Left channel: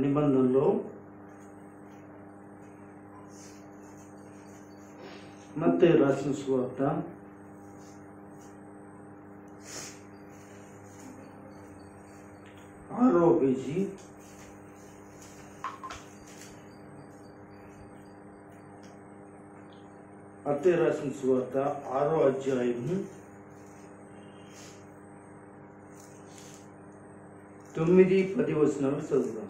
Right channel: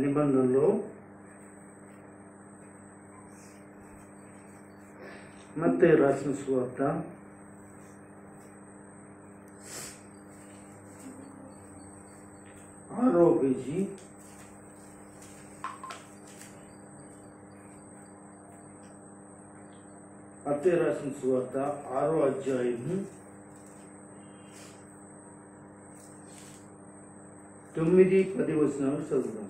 నిబంధనలో మత్తయి రాసిన సువార్త 6వ పేజీ 6వ అధ్యాయము 9-10 వచనాలు చదువుదాం.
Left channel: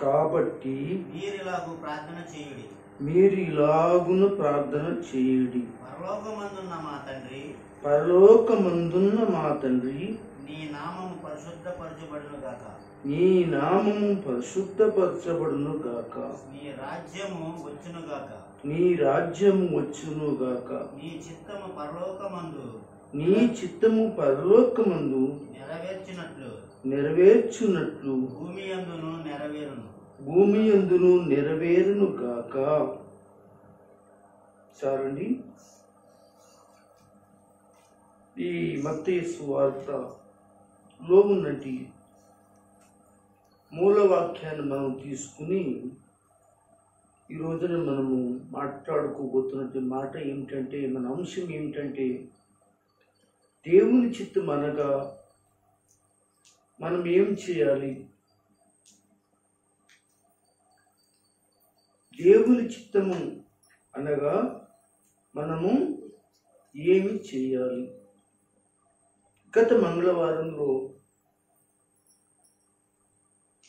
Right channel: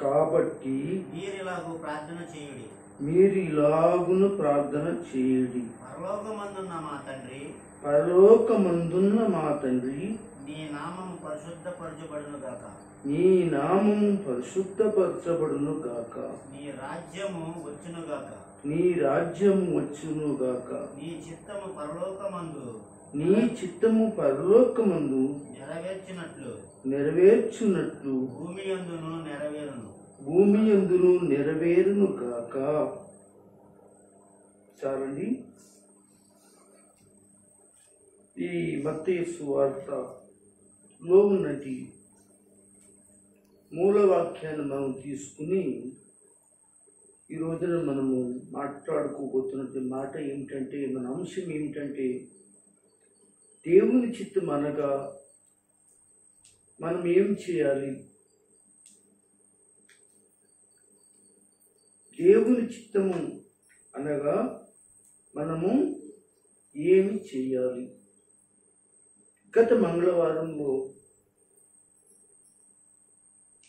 కాబట్టి మీరు ఇలాగున ప్రార్థన చేయుడి. పరలోకమందున్న మా తండ్రి, నీ నామము పరిశుద్ధపరచబడును గాక. నీ రాజ్యము వచ్చును గాక. నీ చిత్తము పరలోకమందు నెరవేర్చున్నట్లు భూమి యందును నెరవేరును గాక. చాలండి. ఈ మత్తయి సువార్తలో ఉన్నటి మూలవాక్యాన్ని మనం తీసుకుని ఈ రోజున మనము మాట్లాడుకోబోతున్నటువంటి మాట ఏమిటంటే, మన అంశం ఏమిటంటే, దేవుని చిత్తం అనగా మనం ఏం చేయాలి, దేవుని చిత్తము అనగా మనము ఏమి చేయాలి. గత మంగళవారంలో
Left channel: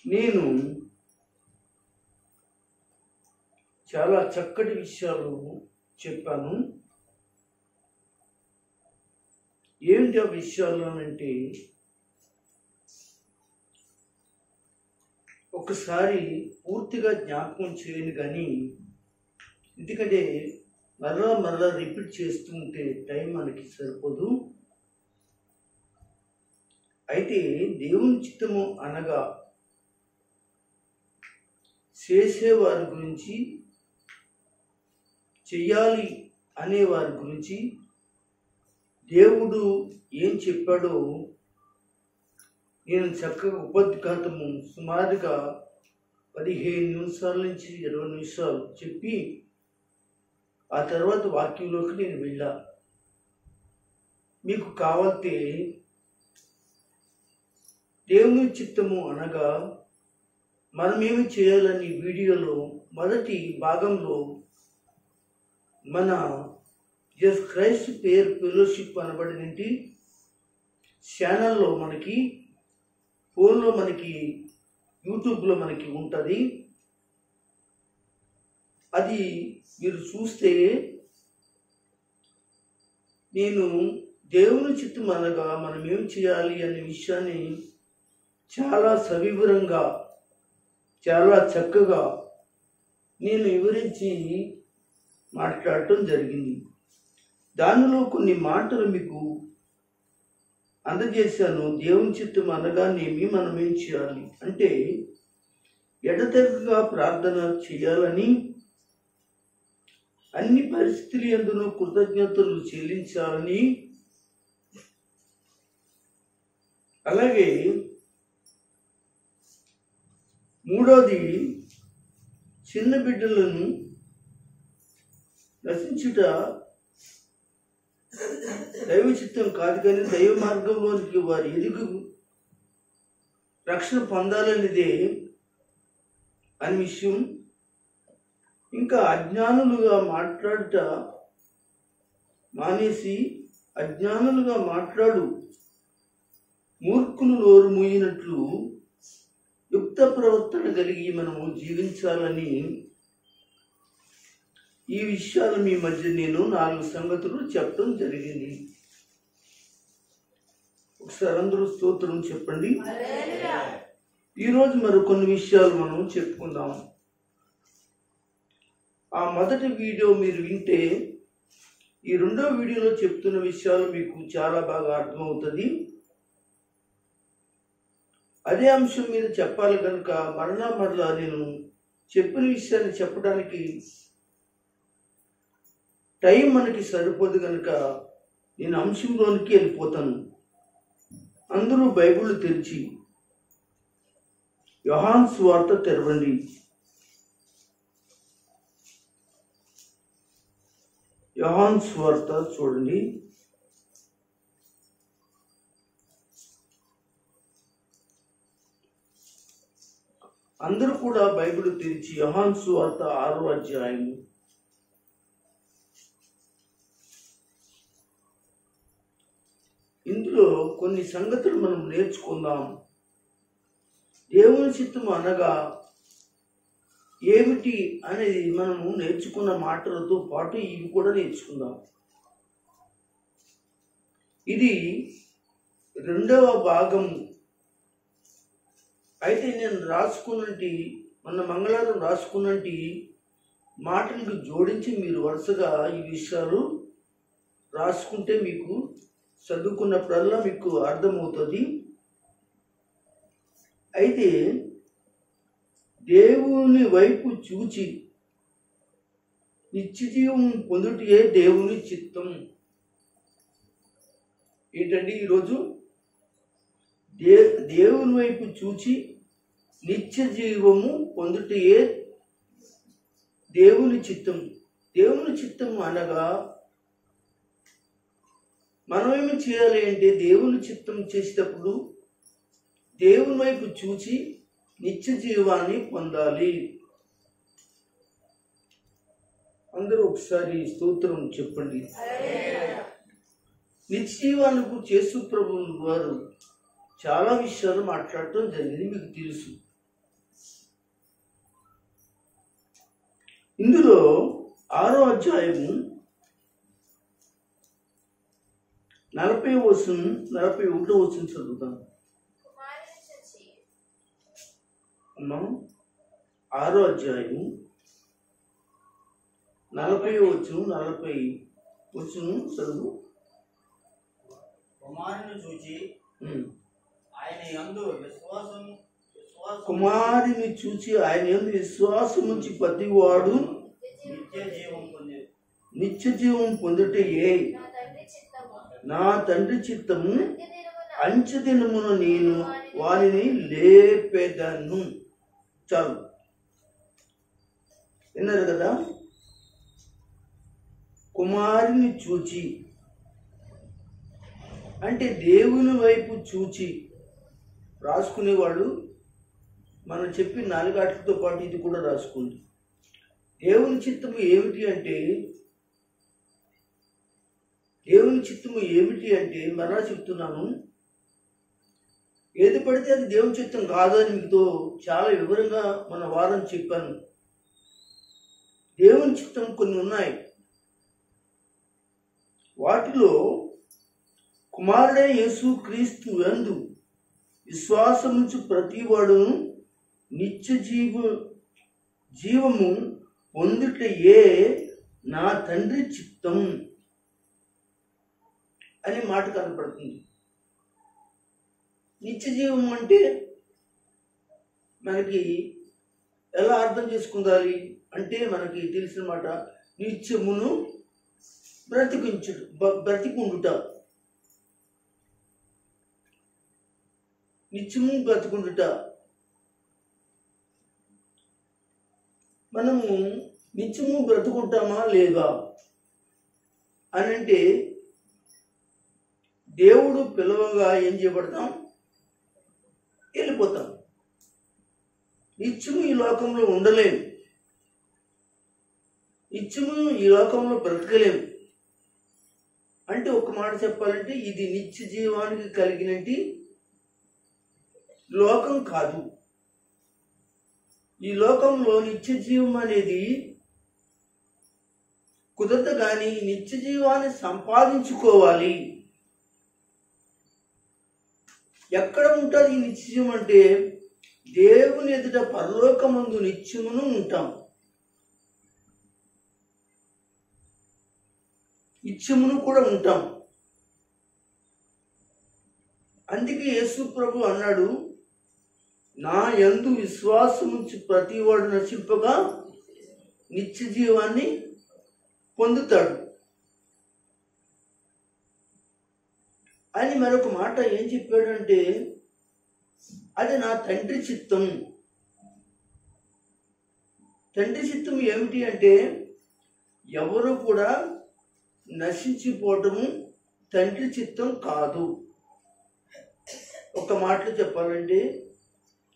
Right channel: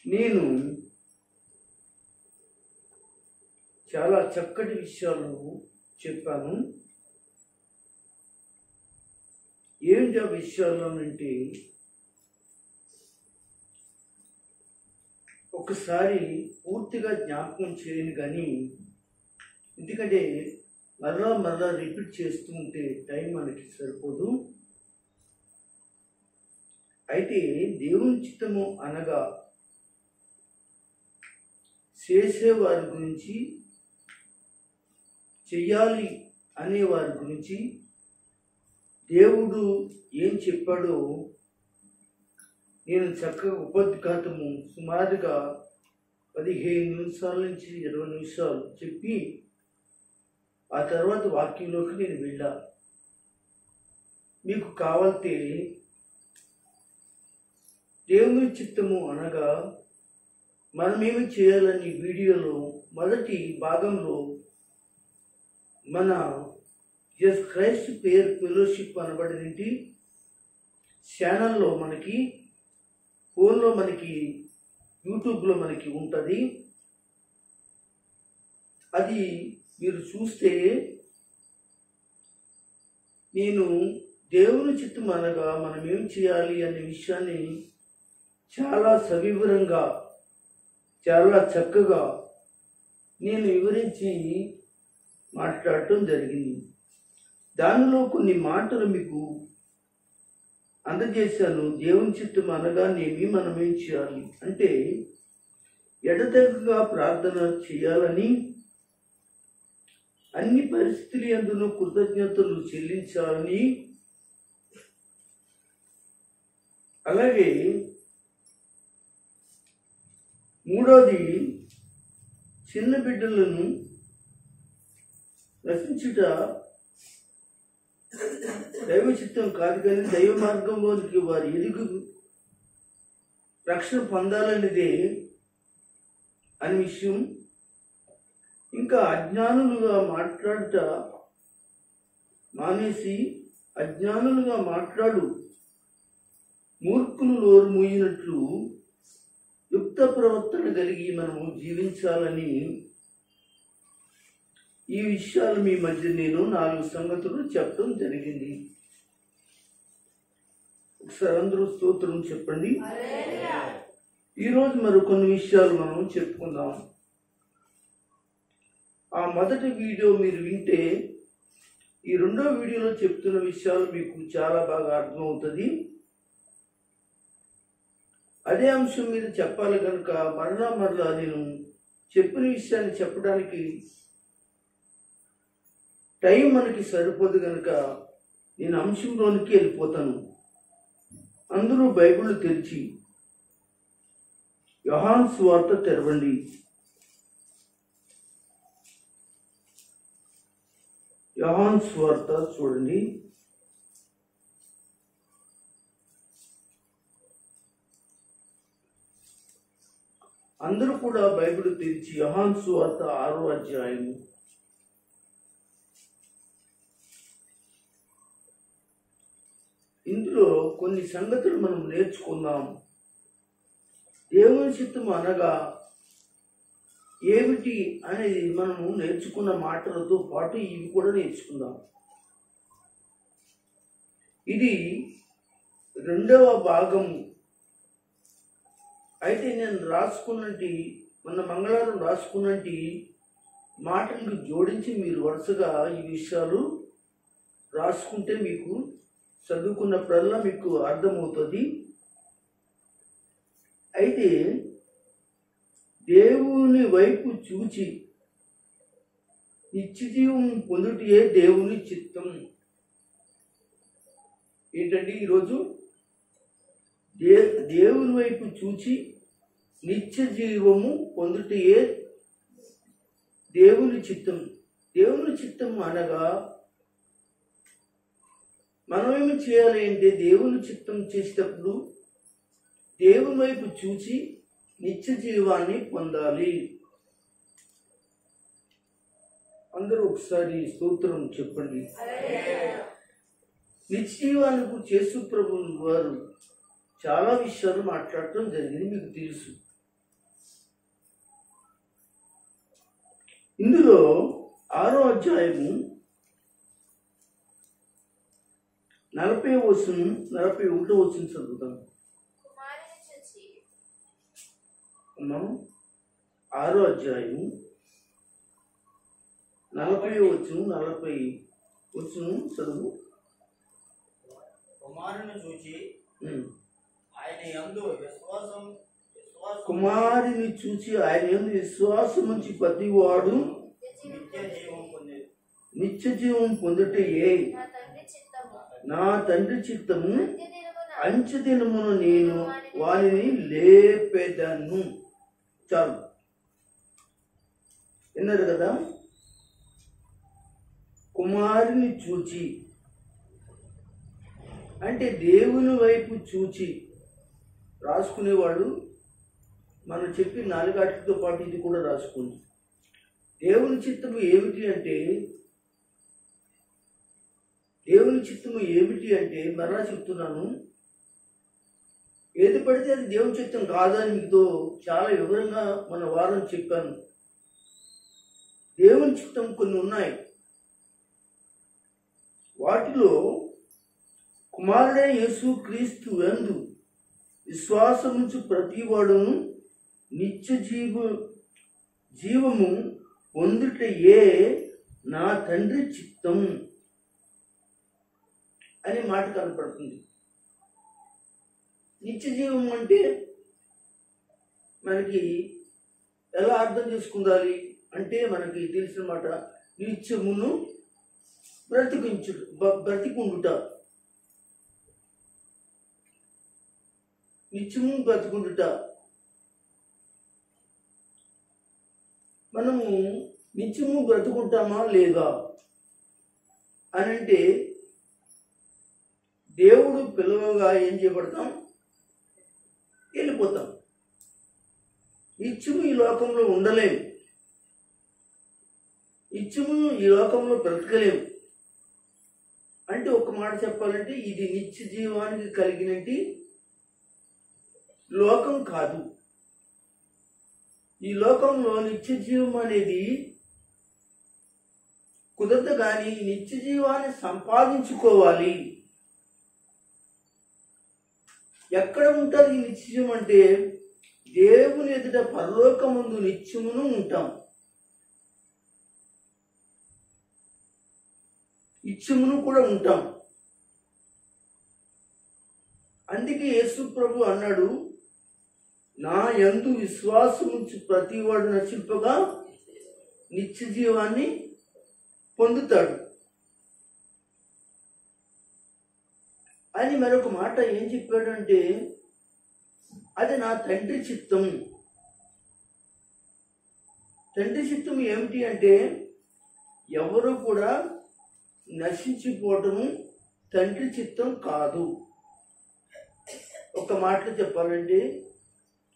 నేను చాలా చక్కటి విషయాలు చెప్పాను. ఏంటి ఆ విషయాలు అంటే, ఒకసారి పూర్తిగా జ్ఞాపకం చేయను కానీ, ఎందుకంటే మరలా రిపీట్ చేస్తుంటే టైం మనకి సరిపోదు. అయితే దేవుని చిత్తము అనగా చేసేవారి గురించి, చెయ్యాలి అనేవారి గురించి దేవుడు ఏం చెప్పాడో నేను చక్కగా ఉపోద్ఘాతము సుమారుగా 15 నిమిషాల నుంచి 20 నిమిషాలు చెప్పి ఆ తర్వాత వాక్యంలోకి నేను వెళ్ళా. మీకు కావాలంటే దేవుని చిత్తము అనగా మనమేమి చేయాలని వీడియోలో మొదటి భాగంలో మన క్రైస్ట్ పేర్ ఫెలోషిప్ అనబడినటి ఛానల్లో మనకి ఫోన్లో మనకి యూట్యూబ్లో మనకి ఉంటుంది. అది మీరు చూస్తే నేను దేవుని చిత్తం అనగా మనం ఏం చేయాలి అనే విషయాన్ని చాలా సవివరంగా, చాలా చక్కగా నేను వివరించి మాట్లాడటం జరిగింది. దానిలో కొన్ని మాటలు మీకు అందజేశాను. దేవుని చిత్తం అనగానేమి, మనం ఏం చేయాలి అంటే, ఎడతెగక ప్రార్థన చేయాలని, అన్ని పరిస్థితుల యందును కృతజ్ఞతలు చెల్లించాలని, అలాగే మూడోది చిన్న బిడ్డలను రక్షించుట దైవ చిత్తం కాదు, కానీ దైవ మార్గంలోనికి వారి ఎదుగు రక్షణ పొందాలనేదే అని విషయం. ఇంకా అజ్ఞానులుగా మాట్లాడుట మానేసి అజ్ఞానులుగా మాట్లాడు మూర్ఖులు నోరు మూయినట్లు యుక్త ప్రవర్తన కలిగి మనము జీవించాలని, ఈ విషయాలు మీ మధ్య నేను 4 సంగతులు చెప్పడం జరిగింది. ఒకసారి అందరూ స్తోత్రం చెప్పండి. ఈరోజు మరి కొన్ని విషయాలు మనం చెప్పుకుందాం. ఆ మొదటి వీడియో మీరు వింటే ఈ రెండో వీడియోలో చెప్తున్న విషయాలు మీకు చాలా బాగా అర్థమవుతుంది. అదే అంశం మీద చెప్పాలి కనుక మరలా నేను చెప్పిన విషయాన్ని చెప్పడానికి టైం మనకి సరిపోదు కనుక నేను అంశంలోనికి వెళ్ళిపోతాను. అందరూ బైబిల్ తెరిచి యోహాను సువార్త తెరవండి. యోహాను సువార్త చూడండి. అందరూ కూడా బైబిల్ తెరిచి యోహాను సువార్త 6వ అధ్యాయం ఇందులో కొన్ని సంగతులు మనం నేర్చుకుందాం. దేవుని చిత్తము అనగా ఏమిటి అనేది మనము నేర్చుకున్న మాటలతో పాటు ఇవి కూడా నేర్చుకుందాం. ఇది 2వ భాగం. అయితే నేను రాసుకున్నటి మన మంగళవారం రాసుకున్నటి మాటలకు జోడించి మీరు వరుసగా ఈ విషయాలు రాసుకుంటే మీకు చదువుకున్నప్పుడల్లా మీకు అర్థమవుతుంది. అయితే దేవుని వైపు చూచి నిత్యజీవం పొందుటే దేవుని చిత్తం. ఏంటండి ఈరోజు దేవుని వైపు చూచి నిత్య జీవము పొందుటే దేవుని చిత్తం. దేవుని చిత్తం అనగా మనం ఏమి చేయాలి అంటే దేవుని చిత్తం చేసేటప్పుడు దేవుని వైపు చూచి నిత్య జీవాన్ని పొందాలి. అందరూ ఒకసారి స్తోత్రం చెప్పండి. నిత్య జీవానికి యేసు ప్రభువు వారు చాలా విషయాలు మాట్లాడటం జరిగింది, మీకు తెలుసు. ఇందులో 6వ అధ్యాయము 40వ వచనం 41వ వచనం చదువుతాం. 6వ అధ్యాయము 40వ వచనం 40 వచనం చదువు. కుమారుని చూచి ఆయన యందు కుమారుని చూచి ఆయన యందు విశ్వాసం నుంచి ప్రతివాడు నిత్య జీవం పొందుటే నా తండ్రి చిత్తము అంచెదినమున నేను వారిని లేపెదను. చాలు, విన్నారు కదా. కుమారుని చూచి అంటే దేవుని వైపు చూచి రాసుకునేవాడు మనం చెప్పి 4 ఆటలతో పాటు ఇది కూడా రాసుకోండి. దేవుని చిత్తము ఏమిటి అంటే మరలా చెప్తున్నాను, ఏది పడితే అది దేవుని చిత్తం కాదని మీతో చాలా వివరంగా మన వారం చెప్పాను. దేవుని చిత్తం కొన్ని ఉన్నాయి. వాటిలో కుమారుడే యేసు క్రీస్తు యందు విశ్వాసముంచు ప్రతివాడును నిత్య జీవము పొందుటయే నా తండ్రి చిత్తం అనే మాట కనపడుతుంది. నిత్య జీవం అంటే మనకి ఎలా అర్థం చేసుకుందాలి అంటే మనకి తెలిసిన మాట నిత్యమును బ్రతికుండుట. నిత్యము బ్రతికుండుట. మనము నిత్యము బ్రతుకుంటామా లేదా అని అంటే దేవుడు పిలవగా ఏం చేయబడతాం? వెళ్ళిపోతాం. నిత్యము ఈ లోకంలో ఉండలేము, నిత్యము ఈ లోకంలో బ్రతకలేము. అంటే ఒక మాట చెప్పాలంటే ఇది నిత్య జీవానికి కలిగినటి లోకం కాదు. ఈ లోకంలో నిత్య జీవం అనేది కుదరదు. కానీ నిత్య జీవాన్ని సంపాదించుకోవాలి. ఎక్కడ ఉంటుంది ఈ నిత్యం అంటే దేవుని ఎదుట పరలోకమందు నిత్యమును ఉంటాం. నిత్యమును కూడా ఉంటాం. అందుకే యేసు ప్రభు అన్నాడు, నా యందు విశ్వాసముంచి ప్రతివాడు నశింపగా నిత్య జీవాన్ని పొందుతాడు అని. మరొక మాట ఏం చెప్పాడంటే అది నా తండ్రి చిత్తం. తండ్రి చిత్తం ఏమిటి అంటే ఎవరు కూడా నశించిపోవటము తండ్రి చిత్తం కాదు. ఒక మాటలో చెప్పాలంటే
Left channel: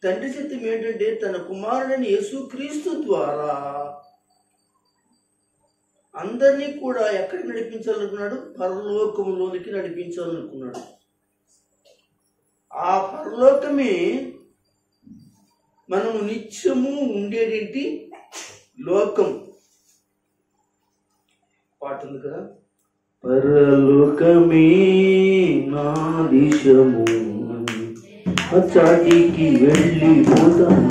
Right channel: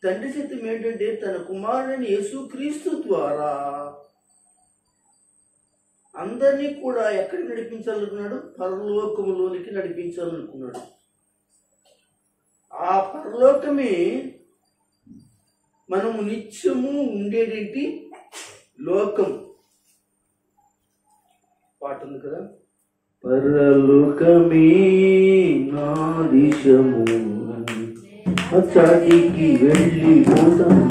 తండ్రి చిత్తం ఏంటంటే తన కుమారుడైన యేసుక్రీస్తు ద్వారా అందరినీ కూడా ఎక్కడికి నడిపించాలనుకున్నాడు? పరలోకములోనికి నడిపించాలనుకున్నాడు. ఆ పరలోకమే మనము నిత్యము ఉండేటి లోకం. పాట ఉంది కదా, పరలోకమే నా దేశము అచ్చాటికి వెళ్ళిపోతాను,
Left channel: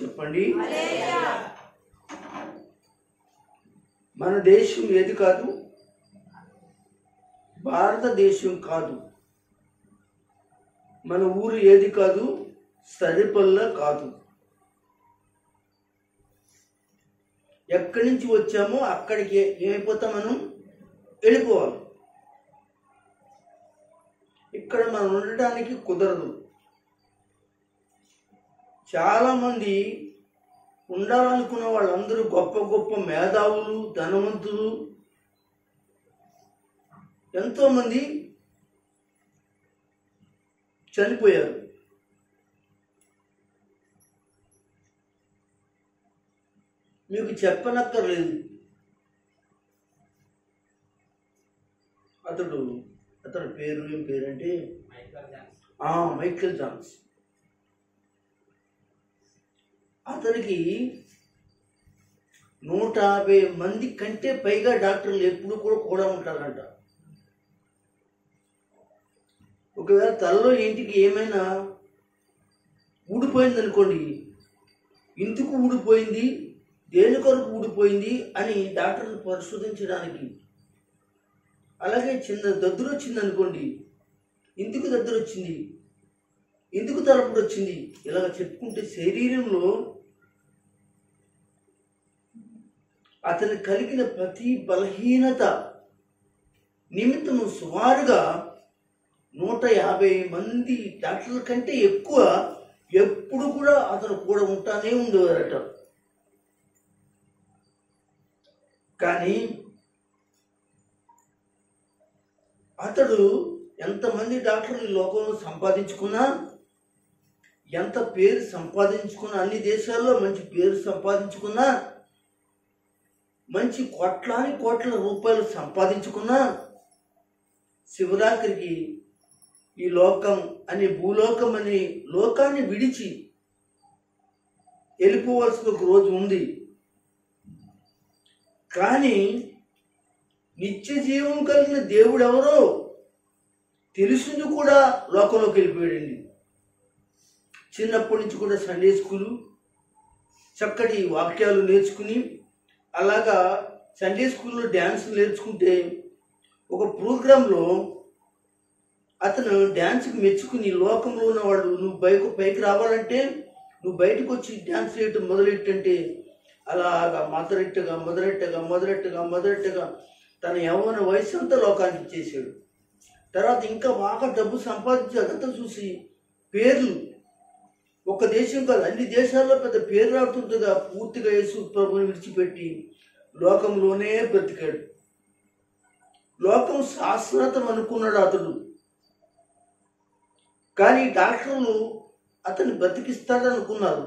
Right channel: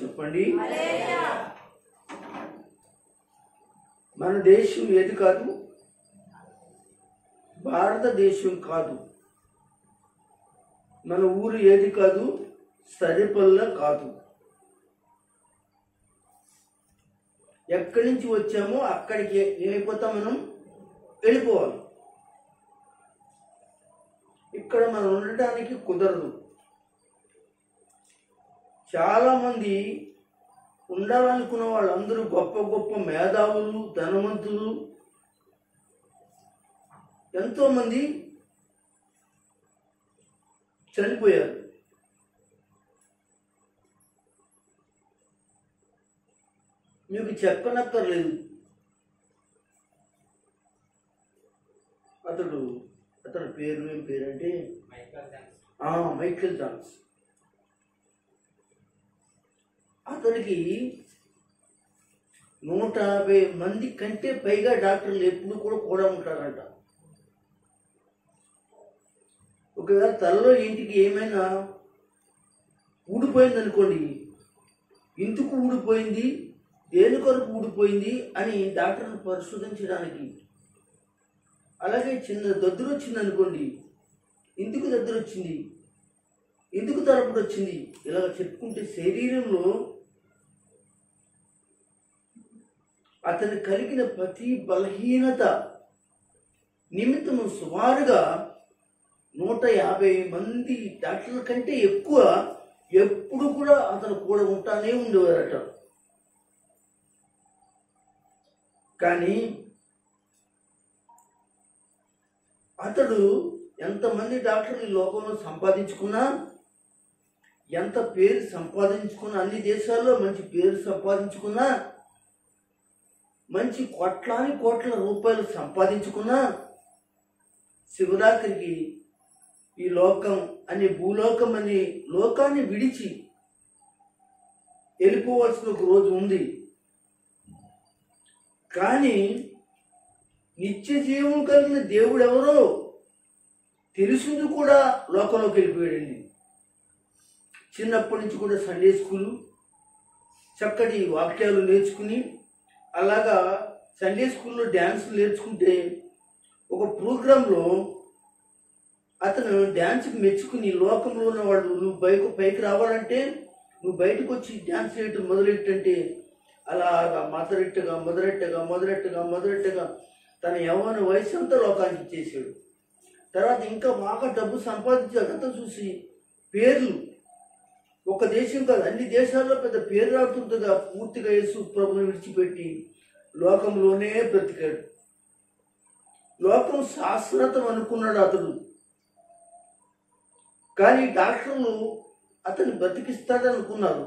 చెప్పండి. మన దేశం ఏది కాదు? భారతదేశం కాదు. మన ఊరు ఏది కాదు? సరిపల్ల కాదు. ఎక్కడి నుంచి వచ్చామో అక్కడికి ఏమైపోతాం? మనం వెళ్ళిపోవాలి. ఇక్కడ మనం ఉండటానికి కుదరదు. చాలామంది ఉండాలనుకున్న వాళ్ళందరూ గొప్ప గొప్ప మేధావులు, ధనవంతులు, ఎంతోమంది చనిపోయారు. మీకు చెప్పనక్కర్లేదు. అతడు పేరు ఏం పేరంటే మైకేల్ జాన్స్. అతనికి 150 మంది కంటే పైగా డాక్టర్లు ఎప్పుడు కూడా ఉంటారంట. ఒకవేళ తలలో ఇంటికి ఏమైనా ఊడిపోయింది అనుకోండి, ఎందుకు ఊడిపోయింది, దేని కొరకు ఊడిపోయింది అని డాక్టర్ని పరిశోధించడానికి. అలాగే చిన్న దద్దురు వచ్చింది అనుకోండి, ఎందుకు దద్దురు వచ్చింది, ఎందుకు తలపుడు వచ్చింది, ఇలా చెప్పుకుంటే శరీరంలో అతను కలిగిన ప్రతి బలహీనత నిమిత్తము సుమారుగా 150 మంది డాక్టర్ల కంటే ఎక్కువ ఎప్పుడు కూడా అతను కూడా ఉంటానే ఉండేవారట. కానీ అతడు ఎంతమంది డాక్టర్లు ఈ లోకంలో సంపాదించుకున్నా, ఎంత పేరు సంపాదించుకున్నా, అన్ని దేశాల్లో మంచి పేరు సంపాదించుకున్నా, మంచి కోట్ల రూపాయలు సంపాదించుకున్నా, శివరాత్రికి ఈ లోకం అనే భూలోకం అనే లోకాన్ని విడిచి వెళ్ళిపోవాల్సిన ఒక రోజు ఉంది. కానీ నిత్య జీవం కలిగిన దేవుడు ఎవరో తెలిసింది కూడా లోకంలోకి వెళ్ళిపోయాడండి. చిన్నప్పటి నుంచి కూడా సండే స్కూలు, చక్కటి వాక్యాలు నేర్చుకుని, అలాగా సండే స్కూల్లో డ్యాన్స్ నేర్చుకుంటే ఒక ప్రోగ్రాంలో అతను డ్యాన్స్కి మెచ్చుకుని లోకంలో ఉన్నవాడు, నువ్వు పైకి రావాలంటే నువ్వు బయటకు వచ్చి డ్యాన్స్ చేయటం మొదలెట్టంటే అలాగా మొదలెట్టగా తన యవ్వన వయసు అంతా లోకానికి ఇచ్చేసాడు. తర్వాత ఇంకా బాగా డబ్బు సంపాదించి అదంతా చూసి పేర్లు, ఒక దేశం కాదు అన్ని దేశాల్లో పెద్ద పేరు రాడుతుండగా పూర్తిగా యేసు ప్రభుని విడిచిపెట్టి లోకంలోనే బ్రతికాడు. లోకం శాశ్వతం అనుకున్నాడు అతడు. కానీ డాక్టర్లు అతన్ని బ్రతికిస్తాడనుకున్నారు.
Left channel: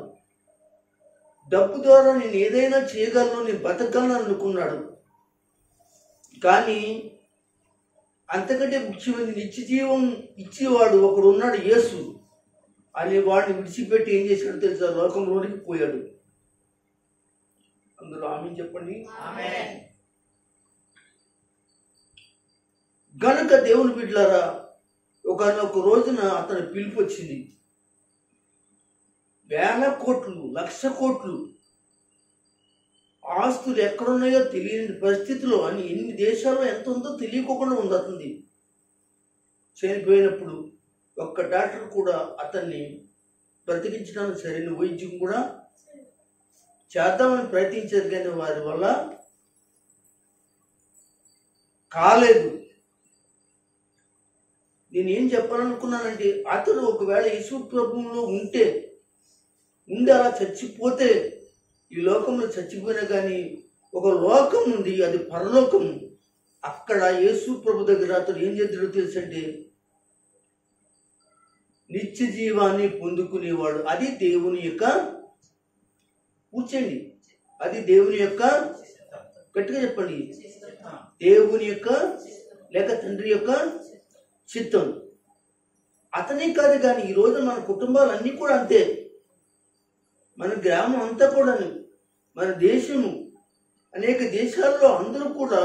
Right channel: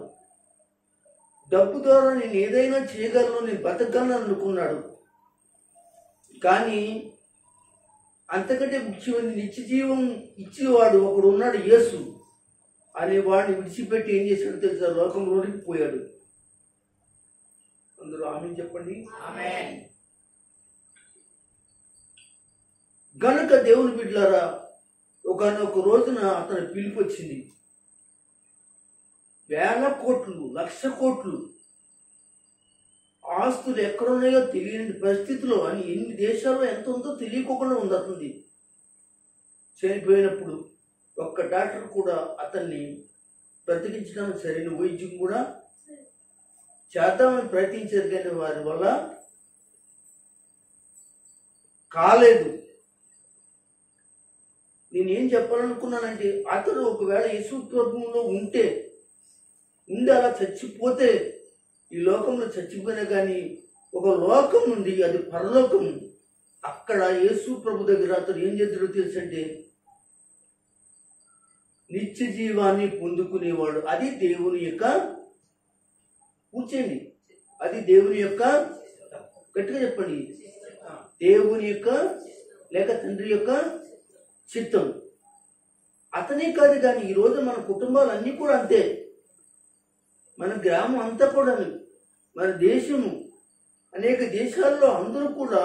డబ్బు ద్వారా నేను ఏదైనా చేయగలను, నేను బతకగలను అనుకున్నాడు. కానీ అంతకంటే ముఖ్యమైన నిత్య జీవం ఇచ్చేవాడు ఒకడు ఉన్నాడు, యేసు. అనే వాడిని విడిచిపెట్టి ఏం చేశాడు తెలుసా? లోకంలోనికి పోయాడు. అందరూ ఆమేన్ చెప్పండి. ఆమేన్. గనుక దేవుని బిడ్డలారా, ఒకనొక రోజున అతని పిలుపు వచ్చింది. వేల కోట్లు, లక్ష కోట్లు ఆస్తులు ఎక్కడున్నాయో తెలియని పరిస్థితిలో, అని ఎన్ని దేశాల్లో ఎంత ఉందో తెలియకోకుండా ఉంది అతనిది. చనిపోయినప్పుడు ఒక్క డాక్టర్ కూడా అతన్ని బ్రతికించడానికి సరైన వైద్యం కూడా చేద్దామని ప్రయత్నించారు, కానీ వారి వల్ల కాలేదు. నేనేం చెప్పాలనుకున్నానంటే, అతడు ఒకవేళ యేసు ప్రభువులో ఉండి అలా చచ్చిపోతే, ఈ లోకంలో చచ్చిపోయినా కానీ ఒక లోకం ఉంది, అది పరలోకం. అక్కడ యేసు ప్రభు దగ్గర అతడు ఏం చేద్దాడో తెలుసంటే, నిత్య జీవాన్ని పొందుకునేవాడు. అది దేవుని యొక్క, కూర్చోండి, అది దేవుని యొక్క, గట్టిగా చెప్పండి, దేవుని యొక్క లేక తండ్రి యొక్క చిత్తం. అతనే కాదు కానీ ఈరోజు మన కుటుంబాలన్నీ కూడా అంతే. మన గ్రామం అంతా కూడా, మన దేశము, అనేక దేశాల్లో అందరూ కూడా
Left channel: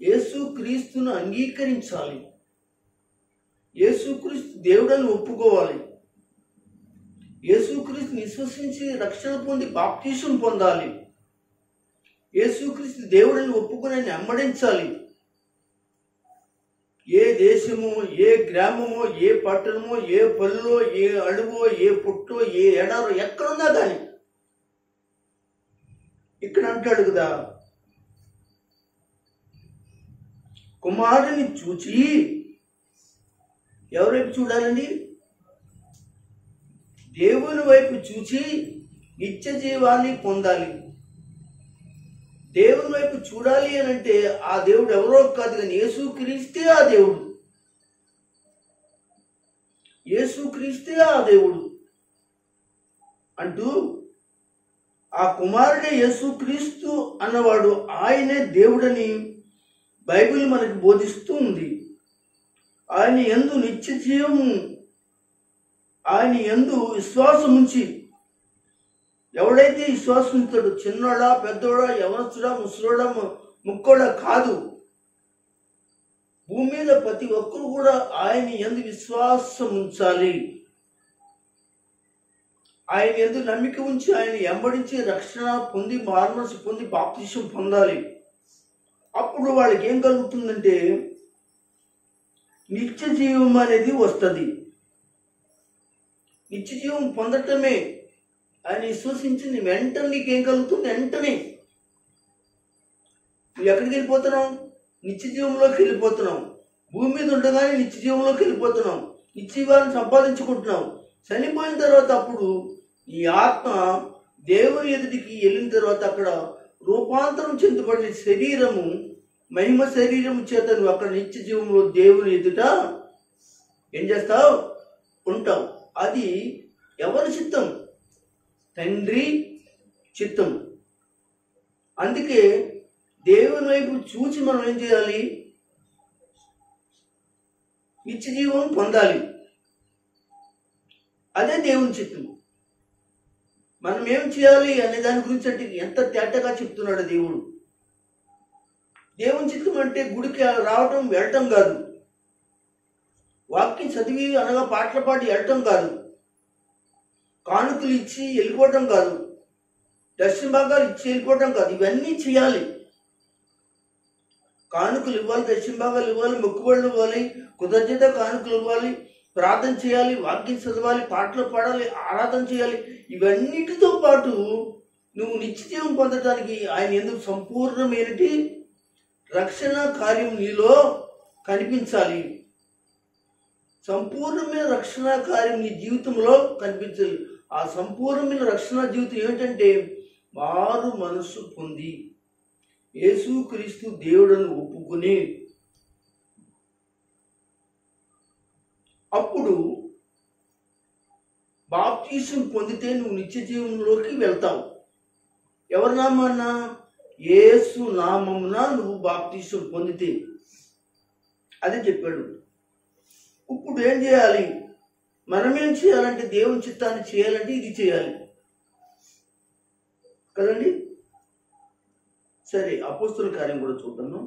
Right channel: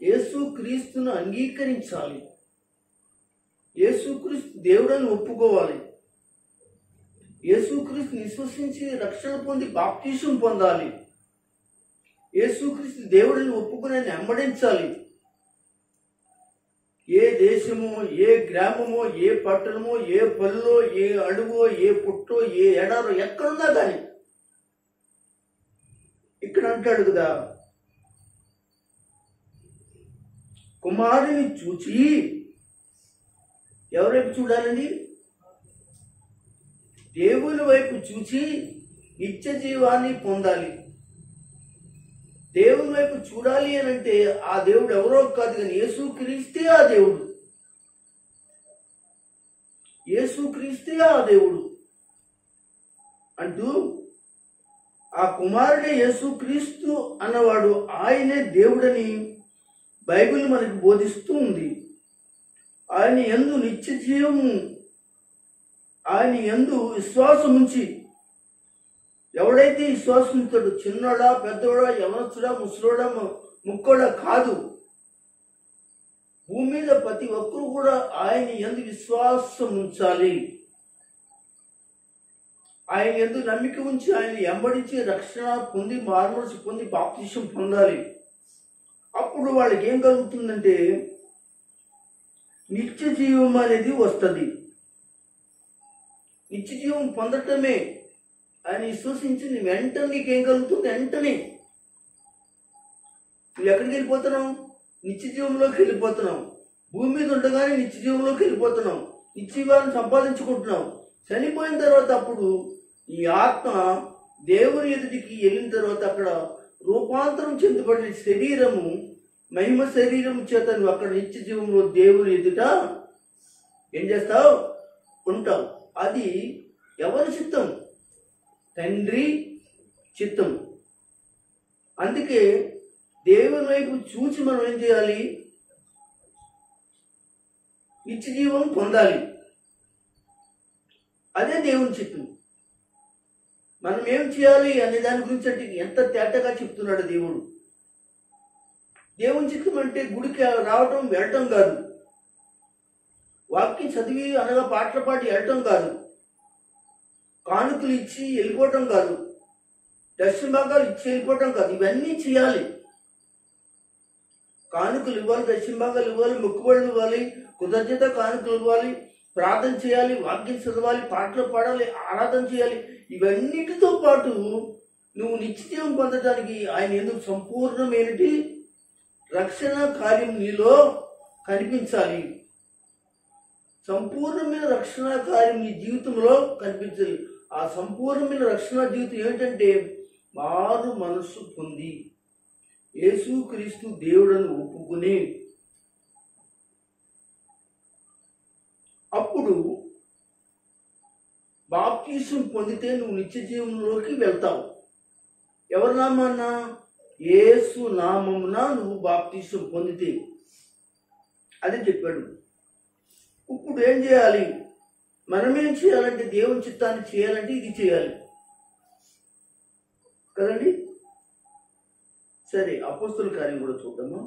యేసు క్రీస్తును అంగీకరించాలి. యేసుక్రీస్తు దేవుడని ఒప్పుకోవాలి. యేసుక్రీస్తుని విశ్వసించి రక్షణ పొంది బాప్టిజం పొందాలి. యేసుక్రీస్తు దేవుడని ఒప్పుకుని ఆయన వెంబడించాలి. ఏ దేశమో, ఏ గ్రామమో, ఏ పట్టణమో, ఏ పల్లెలో, ఏ అడవో, ఏ పుట్టో, ఏ ఎడారో ఎక్కడున్నా కానీ, ఇక్కడ అంటాడు కదా, కుమారుని చూచి, ఎవరైపు చూడాలండి? దేవుని వైపు చూచి నిత్య జీవాన్ని పొందాలి. దేవుని వైపు చూడాలి అని అంటే ఆ దేవుడు ఎవరో కాదు కానీ యేసుక్రీస్తే ఆ దేవుడు. యేసుక్రీస్తే ఆ దేవుడు అంటూ, ఆ కుమారుడే యేసుక్రీస్తు అన్నవాడు ఆయనే దేవుడని బైబిల్ మనకు బోధిస్తూ ఉంది. ఆయన యందు నిత్య జీవము, ఆయన యందు విశ్వాసం ఉంచి, ఎవడైతే విశ్వాసం ఉంచాడో, చిన్నోడా, పెద్దోడా, యవనస్తుడా, ముసలోడా, ముక్కోడా కాదు, భూమి మీద ప్రతి ఒక్కరు కూడా ఆయన యందు విశ్వాసం ఉంచాలి. ఆయన యందు నమ్మిక ఉంచి ఆయన వెంబడించి రక్షణ పొంది, మారుమనసు పొంది బాప్తిసం పొందాలి. అప్పుడు వాళ్ళకి ఏం కలుగుతుందంటే, నిత్య జీవం అనేది వస్తుంది. నిత్య జీవం పొందటమే ఆయన విశ్వసించింది వెంటనే నీకేం కలుగుతుంది? వెంటనే నువ్వు ఎక్కడికి వెళ్ళిపోతున్నావు? నిత్య జీవంలోకి వెళ్ళిపోతున్నావు. భూమి మీద ఉండగానే నిత్య జీవంలోకి వెళ్ళిపోతున్నావు. నిత్య జీవాన్ని సంపాదించుకుంటున్నావు. చనిపోయిన తర్వాత అప్పుడు ఈ ఆత్మ దేవుని ఎదుటికి వెళ్ళిన తర్వాత అక్కడ రూపాంతరం చెందబడిన శరీరము, మహిమ శరీరము చేత నువ్వు అక్కడ నిత్య జీవంలో దేవుని ఎదుట ఏం చేస్తావు? ఉంటావు. అది ఎవరి చిత్తం? తండ్రి చిత్తం. అందుకే దేవుని వైపు చూచి మనం ఏం చేయాలి? నిత్య జీవం పొందాలి. అదే దేవుని చిత్తం. మనం ఏం చేయాలి అనే దాని గురించి అంటే ఎంత తేటగా చెప్తున్నాడు దేవుడు. దేవుని చిత్తం అంటే గుడికి రావటం, వెళ్ళటం కాదు. వాక్యం చదివి అనగా పాటలు పాడి వెళ్ళటం కాదు. కానుకలు ఇచ్చి వెళ్ళిపోవటం కాదు. దర్శన భాగాలు ఇచ్చి వెళ్ళిపోవటం కాదు. ఇవన్నీ చేయాలి. కానుకలు ఇవ్వాలి, దర్శన భాగాలు ఇవ్వాలి, మొక్కుబడులు ఇవ్వాలి, కృతజ్ఞత కానుకలు ఇవ్వాలి, ప్రార్థన చేయాలి, వాక్యం చదవాలి, పాటలు పాడాలి, ఆరాధన చేయాలి. ఇవన్నిటితో పాటు నువ్వు నిత్యజీవం పొందడానికి ఆయన ఎందుకు సంపూర్ణమైనటి రక్షణ కార్యం నీలో కనిపించాలి. సంపూర్ణమైన రక్షణ కార్యం నీ జీవితంలో కనిపించాలి. ఆ సంపూర్ణమైన రక్షణ జీవితం ఏమిటంటే మారు మనస్సు పొంది యేసుక్రీస్తు దేవుడను ఒప్పుకుని, అప్పుడు బాప్తిసం పొందితే నువ్వు నిత్య జీవంలోకి వెళ్తావు. ఎవరి నామాన? యేసు నామమున నువ్వు బాప్తిసం పొందితే. అదే చెప్పాడు. ఇప్పుడు ఏం చేయాలి? మనమేం చేయాలంటే దేవుని చిత్తాన్ని చేయాలంటే ఇది చేయాలి కదండి. సరే, అపోస్తుల కార్యం కూడా చూద్దాము.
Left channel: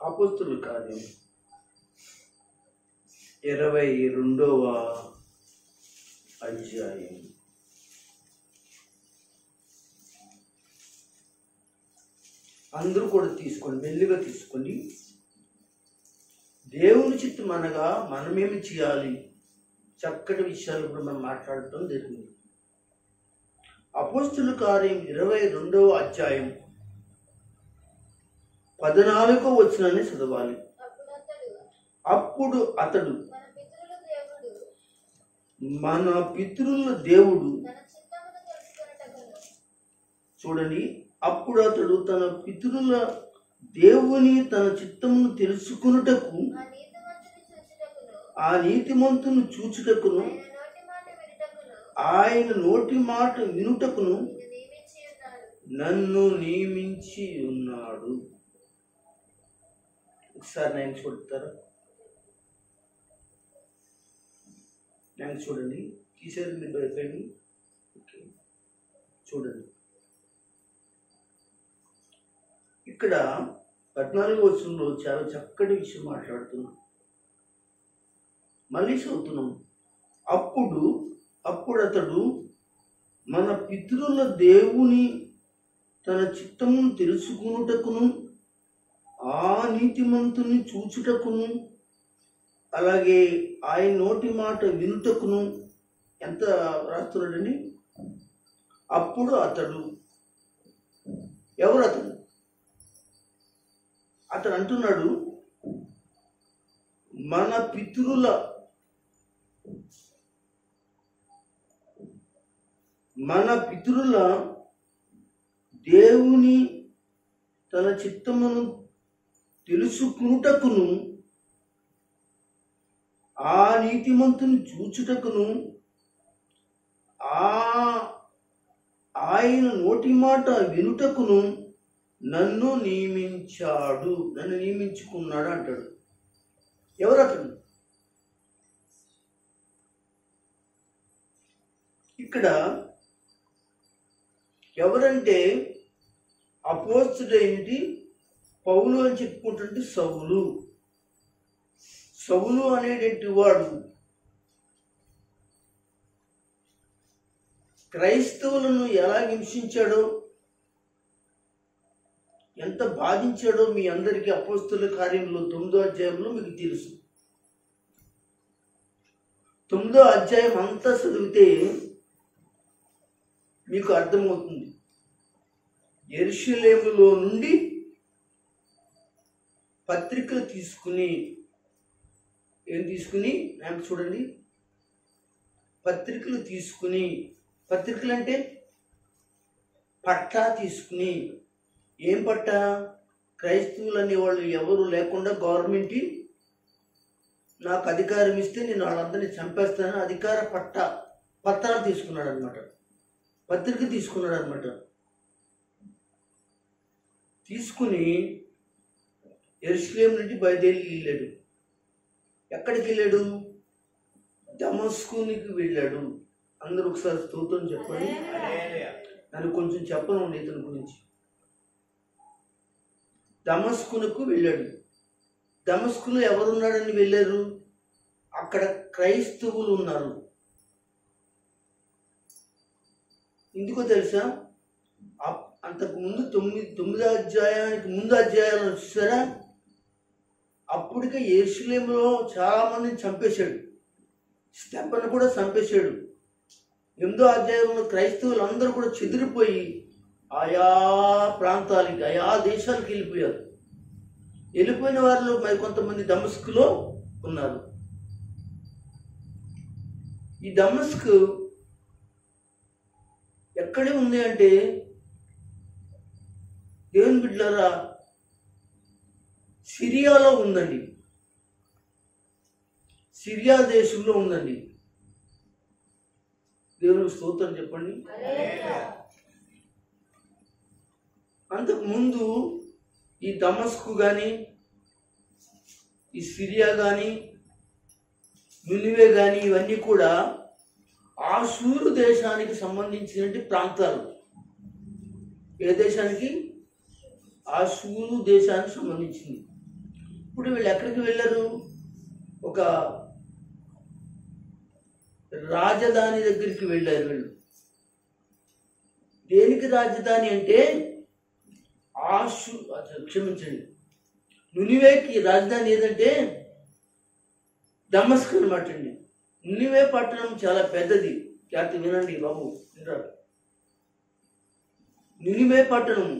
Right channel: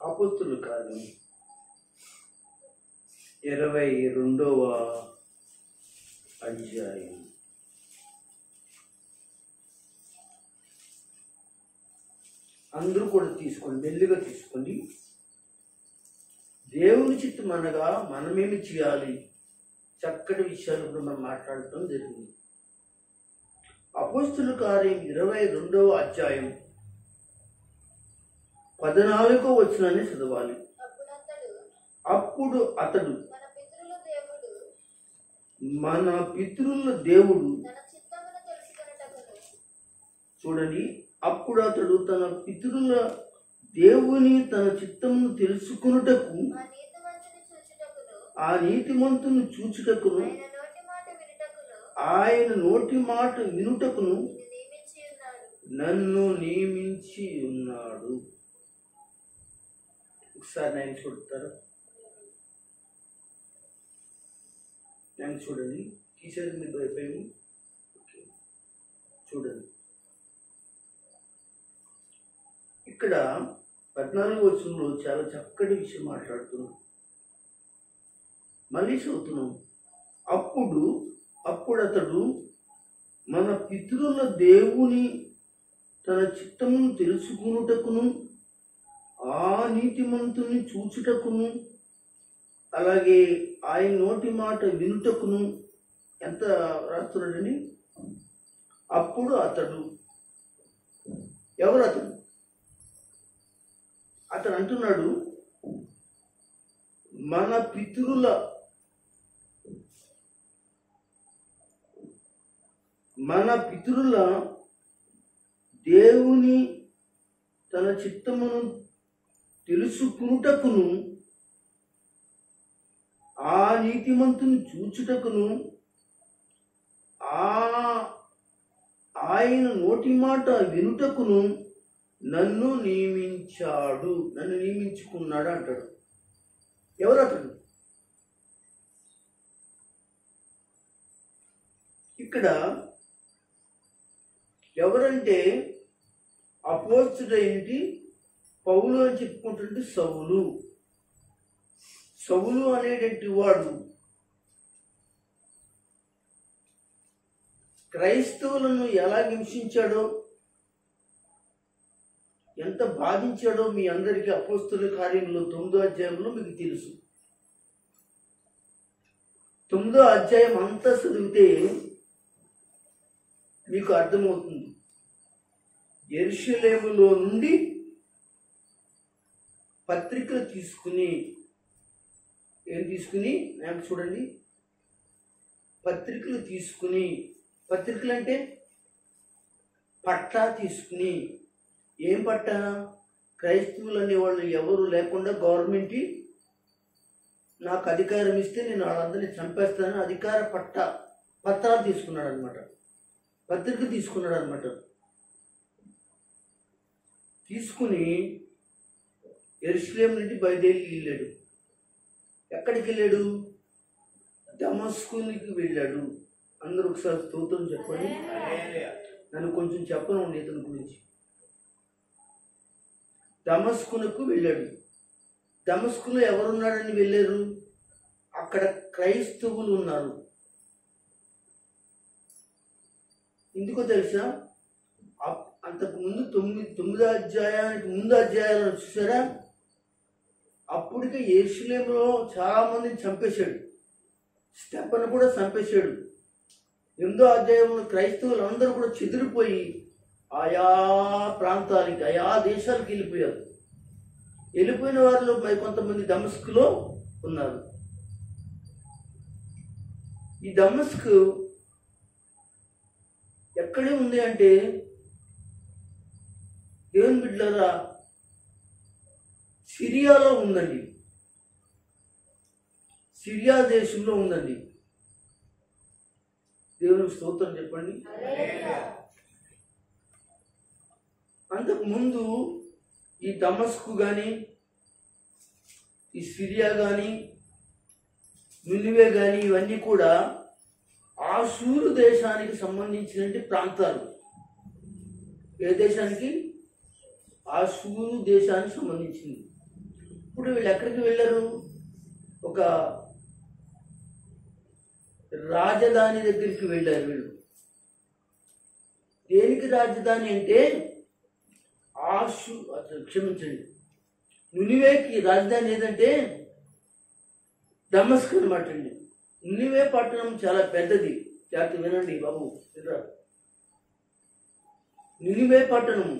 అపోస్తుల కార్యం 22వ అధ్యాయం. అందరూ కూడా తీసుకోండి, మెల్లిగా తీసుకోండి. దేవుని చిత్తం అనగా మనమేమి చేయాలి, చక్కటి విషయాలు కూడా మనం మాట్లాడటం జరిగింది. అపోస్తుల కార్యం 22వ అధ్యాయం 14వ వచనాన్ని చదవాలి. అప్పుడు అతడు మన పితరుల దేవుడు, చూడండి, అప్పుడు అతడు తన పితరుల దేవుని తన చిత్తమును తెలుసుకొనుటకు, ఆ నీతిమంతుని చూచుటకును, ఆయన నోటి మాట వినుటకును నన్ను నియమించి ఉన్నాడు. ఒకసారి నేను చూడతారా? నేను చూడండి, తీసేది మీరు భయపడి. ఓకే, చూడండి, ఇక్కడ 14వ వచనంలో చాలా చక్కటి విషయం మాట్లాడుతున్నాం. మళ్ళీ చదువుతున్నాం. అప్పుడు అతడు మన పితరుల దేవుని తన చిత్తమును తెలుసుకునుటకును, ఆ నీతిమంతుని చూచుటకును, అలాగే ఆయన నోటి మాట వినుటకును. ఎంత రాస్తున్నాడండి? అప్పుడు అతడు, ఎవరు అతడు? అతడు అంటున్నాడు, మన పితరుల దేవుని తన చిత్తమును తెలుసుకునుటకును, ఆ నీతిమంతుని చూచుటకును, ఆయన నోటి మాట వినుటకును నన్ను నియమించుకున్నాడు అంటాడు. ఎవరు అతడు? ఇక్కడ ఎవరంటే అపోస్తలుడైనటి పౌలు అని చెప్పుకుంటుంటే సౌలు అనేటువంటి వాడు క్రైస్తవులను ఎలా హింసించాడో, ఎంత బాధించాడో మీ అందరికీ అపోస్తలుల కార్యంలో 9వ అధ్యాయంలో మీకు తెలుసు. 9వ అధ్యాయం అంతా చదివితే మీకు అర్థమవుతుంది. యెరూషలేములో నుండి పత్రికలు తీసుకుని, చూడండి, పత్రికలు అంటే పట్టా తీసుకుని, ఏం పట్టా? క్రైస్తవులు అనేవాళ్ళు ఎవరు లేకుండా గవర్నమెంట్ నాకు అధికారం ఇస్తే నేను వాళ్ళందరినీ చంపేస్తాను, అధికార పత్రాలు తీసుకున్నాడు అనమాట, పత్రిక తీసుకున్నాడు అనమాట. తీసుకుని యెరూషలేము నుండి బయలుదేరి వెళ్ళాడు. ఎక్కడికి వెళ్ళాడు? దమస్కునికి వెళ్ళాడు. అందరూ ఒకసారి స్తోత్రం చెప్పండి. నన్ను కొంచెం చెప్పనండి ఇతని గురించి. దమస్కునకు వెళ్ళాడు. దమస్కులో ఎవరున్నాడని వెళ్ళారు? అక్కడ క్రైస్తవులు ఉన్నారు. ఎందుకో తెలుసా? అంతకుముందు 9వ అధ్యాయానికి ముందు అధ్యాయాలను చూసారా? అప్పటికే యెరూషలేములో చాలా మందిని చంపేశాడు. స్టెఫను కూడా చంపేశాడు. 8వ అధ్యాయంలో క్రైస్తవులు అందరూ కూడా చెదిరిపోయి ఆయా ప్రాంతాలకి, ఆయా దేశాలకు వెళ్ళిపోయారు. వెళ్ళిపోయిన వారిలో మరి కొంతమంది దమస్కులో ఉన్నారు. ఈ దమస్క్ ఎక్కడే ఉంది అంటే, దేవుని బిడ్డలారా, సిరియాలో ఉందండి. సిరియా దేశంలో ఉందండి. దేవునికి స్తోత్రం చెప్పండి. అంతకుముందు ఈ దమస్కు కానీ, ఈ సిరియా కానీ, నినివే కానీ ఇవన్నీ కూడా ఆషూరు దేశానికి సంబంధించిన ప్రాంతాలు. ఏ దేశానికి? ఆషూరు దేశానికి సంబంధించింది. ఇప్పుడు వీళ్ళు ఎక్కడికి వెళ్ళారు? ఒక రాజధాని దగ్గరికి వెళ్ళారు వీళ్ళు. దేనికి రాజధాని అంటే క్షమించండి, నినివేకి రాజధాని ఏదంటే దమస్క్ అనమాట అండి. నినివే పట్టణం చాలా పెద్దది. జాగ్రత్త వినండి బాబు. నినివే పట్టణం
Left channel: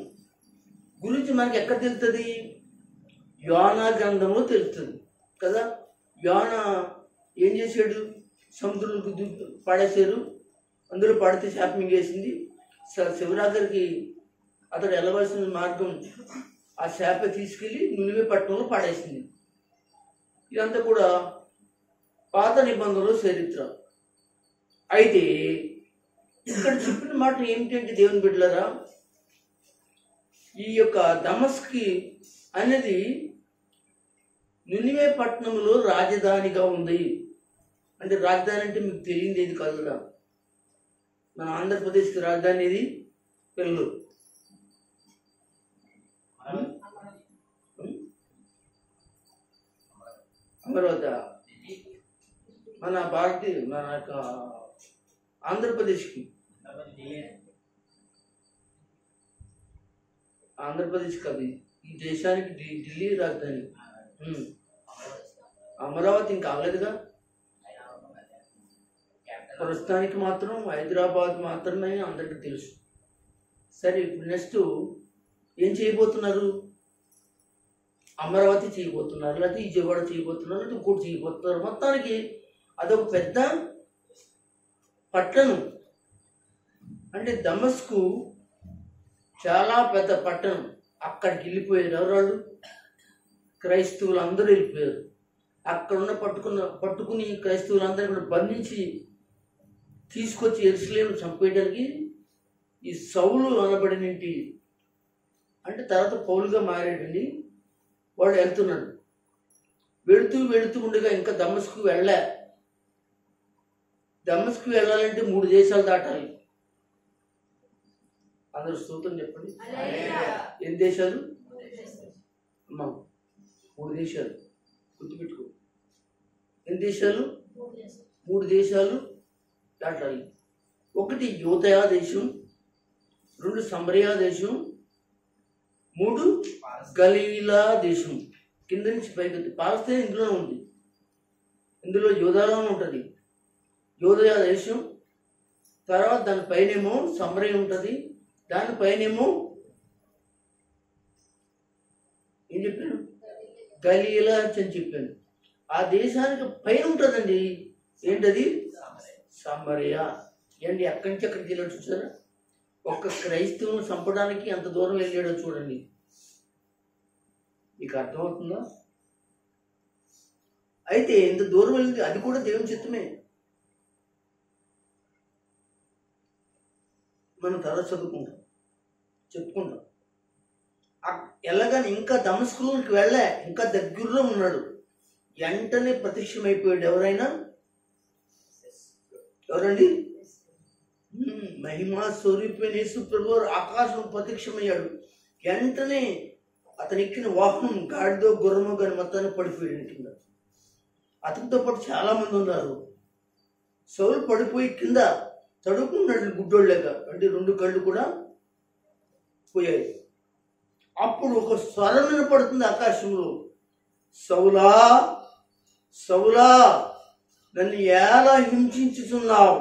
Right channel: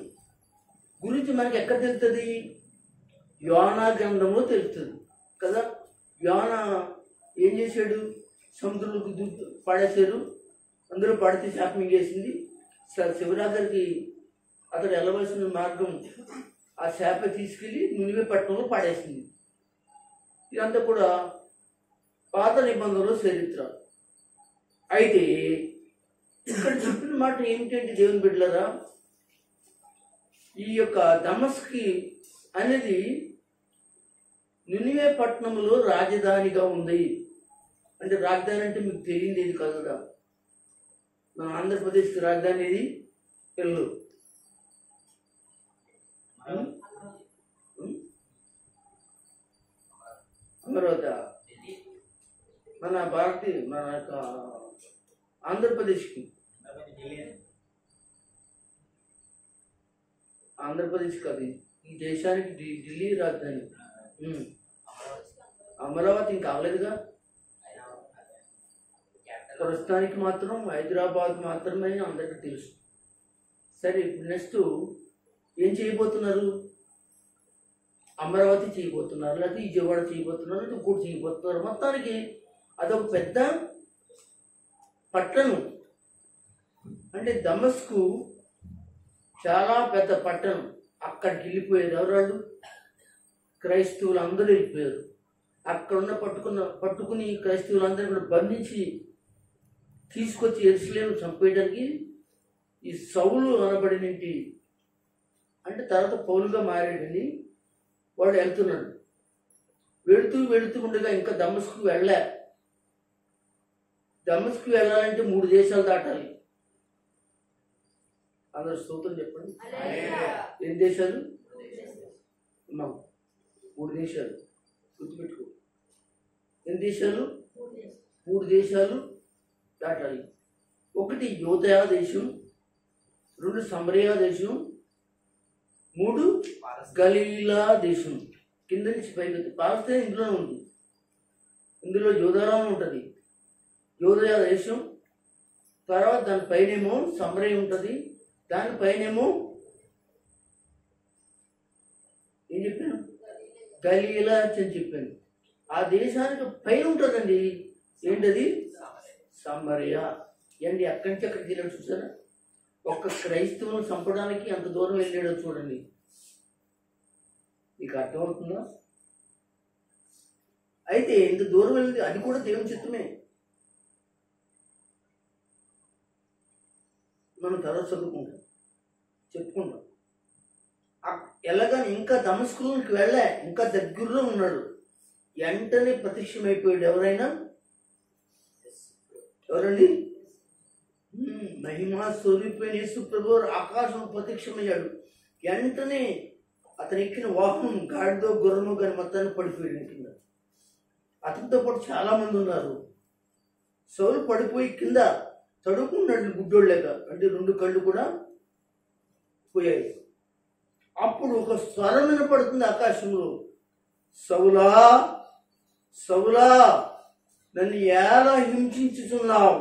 గురించి మనకి ఎక్కడ తెలుస్తుంది? యోనా గ్రంథంలో తెలుస్తుంది కదా. యోనా ఏం చేశాడు? సముద్రంలో పడేశారు. అందులో పడితే శాపం వేసింది. శివరాత్రికి అతడు వెళ్ళవలసిన మార్గం ఆ శాప తీసుకెళ్ళి నినివే పట్టణంలో పడేసింది. ఇదంతా కూడా పాత నిబంధనలో చరిత్ర. అయితే ఇక్కడ చెప్పిన మాట ఏమిటంటే దేవుని బిడ్డలారా, ఈ యొక్క దమస్కి అనేది నినివే పట్టణంలో రాజధానిగా ఉంది. అంటే రాజధాని అంటే మీకు తెలియదు ఏది కాదురా. మన ఆంధ్రప్రదేశ్కి రాజధాని ఏది? పిల్లలు అమరావతి. మన ఆంధ్రప్రదేశ్కి ఆంధ్రప్రదేశ్ కాదు, ఈ దేశానికి ఢిల్లీ రాజధాని. అమరావతి ఇంకా అవ్వలేదుగా. ప్రస్తుతానికి మాత్రం హైదరాబాద్ మాత్రమే అందరికీ తెలుసు. సరే, ఇప్పుడు నెక్స్ట్ ఏం చేయబోతున్నారు? అమరావతి చేయబోతున్నారు, లేకపోతే విజయవాడ చేయబోతున్నారు, లేకపోతే ఇంకోటి చేయబోతున్నారు. మొత్తానికి అదొక పెద్ద పట్టణం. అంటే దమస్కు చాలా పెద్ద పట్టణం. అక్కడికి వెళ్ళిపోయారు ఎవరాళ్ళు? క్రైస్తవులు అందరూ వెళ్ళిపోయారు. అక్కడ ఉన్న పట్టుకుని క్రైస్తవులందరూ కూడా బంధించి తీసుకొచ్చి యెరూషలేము చంపేయడానికి ఈ సౌలు అనబడినంటి, అంటే తర్వాత పౌలుగా మారాడండి, వాడు వెళ్తున్నాడు. వెళుతూ ఉండగా ఇంకా దమస్కు దమస్కు వెళ్ళాలంటే 3 దేశాలు దాటాలి. అందరూ స్తోత్రం చెప్పండి. ఎన్ని దేశాలు అమ్మా? 3 దేశాలు. గుర్తుపెట్టుకో, ఎన్ని దేశాలు? 3 దేశాలు దాటాలి. 1 యోదయా దేశం, 2 సమరయ దేశం, 3 గలీలా దేశం. కింద నుంచి పైకి పాలస్తీనా ఇందులో ఉంది. ఇందులో యోధాలో ఉంటుంది, యోదయా దేశం. తర్వాత దానిపైనేమో సమరయ ఉంటుంది, దానిపైనేమో ఏం చెప్పాను? గలీలా అని చెప్పాను. ఆ దేశానికి పైన ఉంటుందండి. ఏంటది? సమరయ. ఏంటి అక్కడి నుంచి అక్కడికి వెళ్ళాడు చూసారా? ఒక్క క్రైస్తవుని చంపడానికి ఎంత దూరం వెళ్ళాడో చూడండి. మీకు అర్థమవుతుందా? అయితే ఎంత దూరం వెళ్ళింది, అది కూడా దేవుని చిత్తమే. మనం తర్వాత చెప్పుకుంటాం. ఎలాగని ఇంకా దమస్కులోకి ఇంకా దగ్గరలో ఉన్నాడు. వెంటనే ప్రత్యక్షమైపోయాడు. ఎవరండి? మహిమా స్వరూపైన యేసు ప్రభువు ఆకాశం ప్రత్యక్షమయ్యాడు. వెంటనే అతను ఎక్కిన వాహనం గాడిదో గుర్రమో కానీ మొత్తాన్ని పడిపోయాడు కింద. అతనితో పాటు చాలా మంది ఉన్నారు. సౌలు పడిపోయి కింద తడుకున్నాడు గుడ్డోళ్ళగా, అంటే 2 కళ్ళు కూడా పోయాయి. అప్పుడు ఒక స్వరం వినపడుతుంది ఆకాశంలో, సౌలా సౌలా నన్ను ఎలా హింసించుచున్నావు.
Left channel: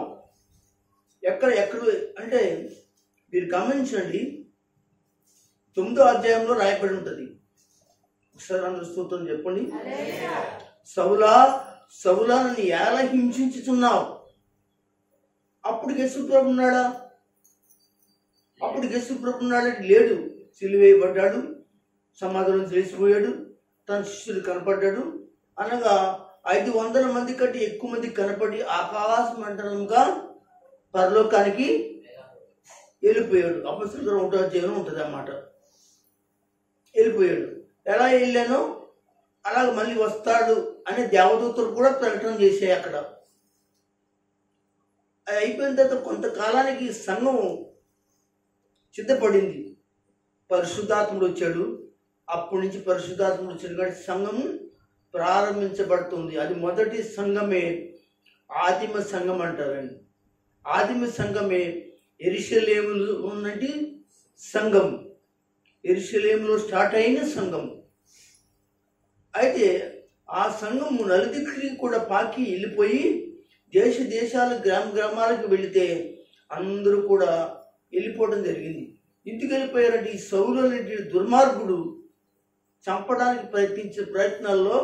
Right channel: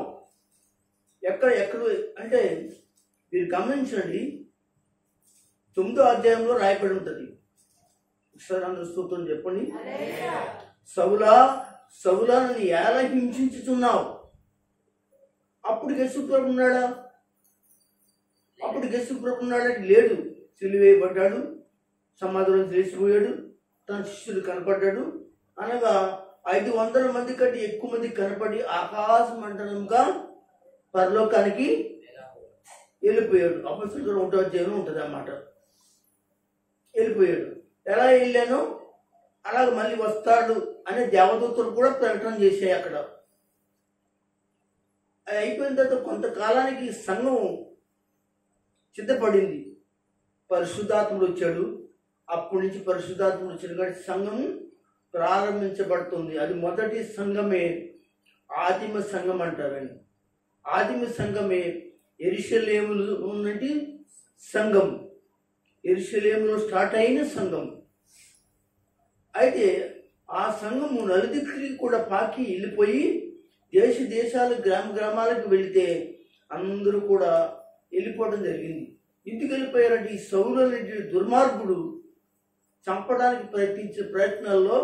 ఎక్కడ అంటే మీరు గమనించండి, 9వ అధ్యాయంలో రాయబడి ఉంటుంది. ఒకసారి అందరూ స్తోత్రం చెప్పండి. సౌలా సౌలా నన్ను ఎలా హింసించుచున్నావు. అప్పుడు యేసుప్రభు ఉన్నాడా? లేడు. సిలువేయబడ్డాడు, సమాధిలో చేసిపోయాడు, తన శిష్యులు కనపడ్డాడు. అనగా 500 మంది కంటే ఎక్కువ మంది కనపడి ఆకాశ మండలంగా పరలోకానికి వెళ్ళిపోయాడు. అపొస్తలుల 1వ అధ్యాయంలో ఉంటుంది అన్నమాట. వెళ్ళిపోయాడు. ఎలా వెళ్ళానో అలాగ మళ్ళీ వస్తాడు అనే దేవదూతలు కూడా ప్రకటన చేశాయి అక్కడ. అది అయిపోయిన తర్వాత కొంతకాలానికి సంఘం సిద్ధపడింది. పరిశుద్ధాత్ముడు వచ్చాడు. అప్పటి నుంచి పరిశుద్ధాత్ముడు వచ్చాడు కాబట్టి సంఘము ప్రారంభించబడుతుంది. అది మొదటి సంఘమే ఆదిమ సంఘం అంటారండి. ఆదిమ సంఘమే యెరూషలేములో ఉన్నటి సంఘం, యెరూషలేములో స్టార్ట్ అయిన సంఘం. అయితే ఆ సంఘము నలుదిక్కుకి కూడా పాకి వెళ్ళిపోయి దేశ దేశాల గ్రామాలకు వెళితే అందరూ కూడా వెళ్ళిపోవడం జరిగింది. ఇంటికి వెళ్ళిపోయారంటే ఈ సౌలు అనే దుర్మార్గుడు చంపడానికి ప్రయత్నించే ప్రయత్నాల్లో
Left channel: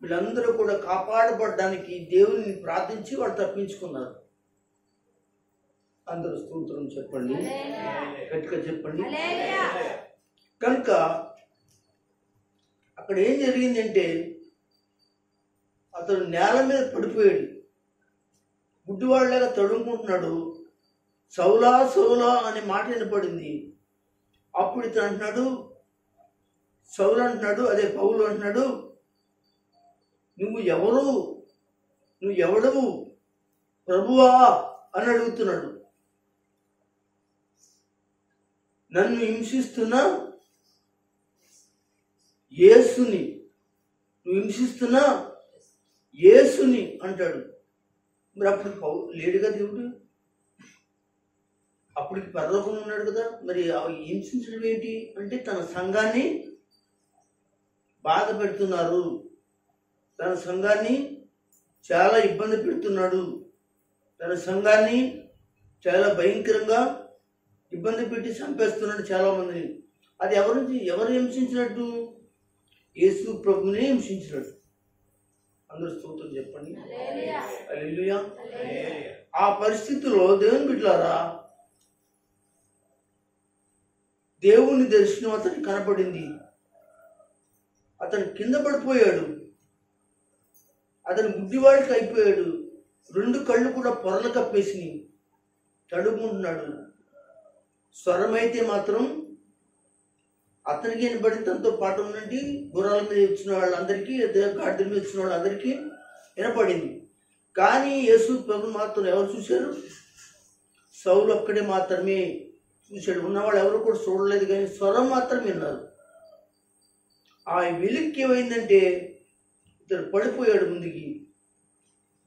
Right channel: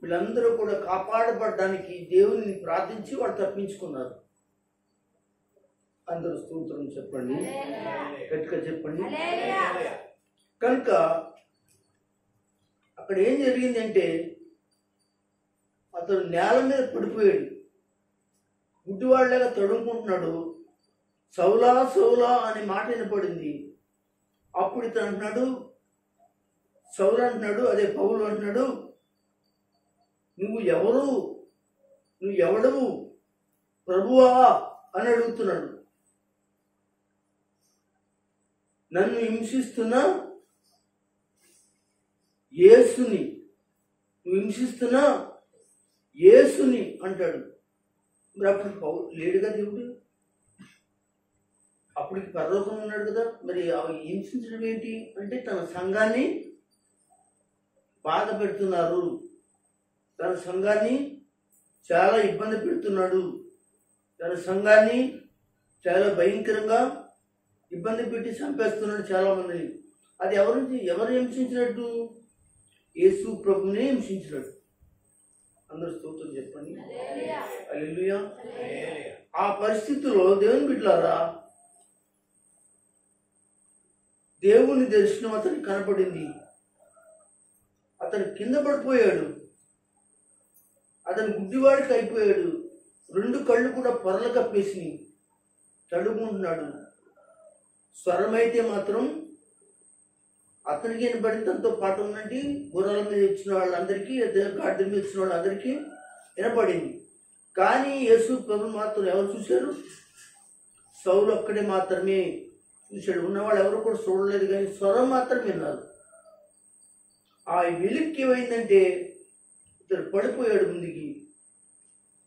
వీళ్ళందరూ కూడా కాపాడబడడానికి దేవుని ప్రార్థించి వాళ్ళు తప్పించుకున్నారు. అందరూ స్తోత్రం చెప్పండి, గట్టిగా చెప్పండి. కనుక అక్కడ ఏం జరిగిందంటే అతను నేల మీద పడిపోయాడు, గుడ్డివాళ్ళగా తడుముకుంటున్నాడు. సౌలా సౌలా అనే మాట వినపడింది. అప్పుడు ఇతను అంటున్నాడు, సౌలు అంటున్నాడు, అదే పౌలు అంటున్నాడు, నువ్వు ఎవడవు ప్రభువా అని అడుగుతున్నాడు. నన్ను హింసిస్తున్నా యేసుని, నువ్వు హింసిస్తున్నా యేసుని అంటాడు. మరి అప్పుడు లేడుగా దేవుడు, అప్పటికి పరలోకం ఉన్నాడు కదా. మరి హింసించడం ఏంటి అంటే తన సంఘాన్ని బాధ పెడుతున్నారు, తన సంఘాన్ని చాలా ఇబ్బంది పెడుతున్నాడు, తన సంఘాన్ని చాలా భయంకరంగా ఇబ్బంది పెట్టి చంపేస్తున్నాడు చాలామందిని. అది ఎవరు హింసించినట్టు? యేసు ప్రభుని హింసించినట్టు. అందరూ స్తోత్రం చెప్పండి, హల్లెలూయా. ఆ పరిస్థితిలో దేవుని బిడ్డలారా, దేవుని దర్శనం అతనికి కనపడింది. అతను కింద పడిపోయాడు, అతను గుడ్డివాడికి అయిపోయాడు. 2 కళ్ళు కూడా పొరలు కప్పేసి తడుముకుంటున్నాడు. స్వరమైతే మాత్రం అతనికి వినపడింది. తనతో పాటు ఉన్నట్టు గుర్రాల మీద వచ్చిన వాళ్ళందరికీ, గాడిద మీద వచ్చిన వాళ్ళందరికీ వినపడింది. కానీ యేసు ప్రభు మాత్రం ఎవరు చూశారు? సౌలు ఒక్కడే మాత్రమే చూశాడు. ఉన్నవాళ్ళు ఎవరు కూడా చూడలేదు, కానీ స్వరం మాత్రం విన్నారు. ఆ వెలిక్కి ఏమైందంటే ఇతడు పడిపోయాడు. ముందుకి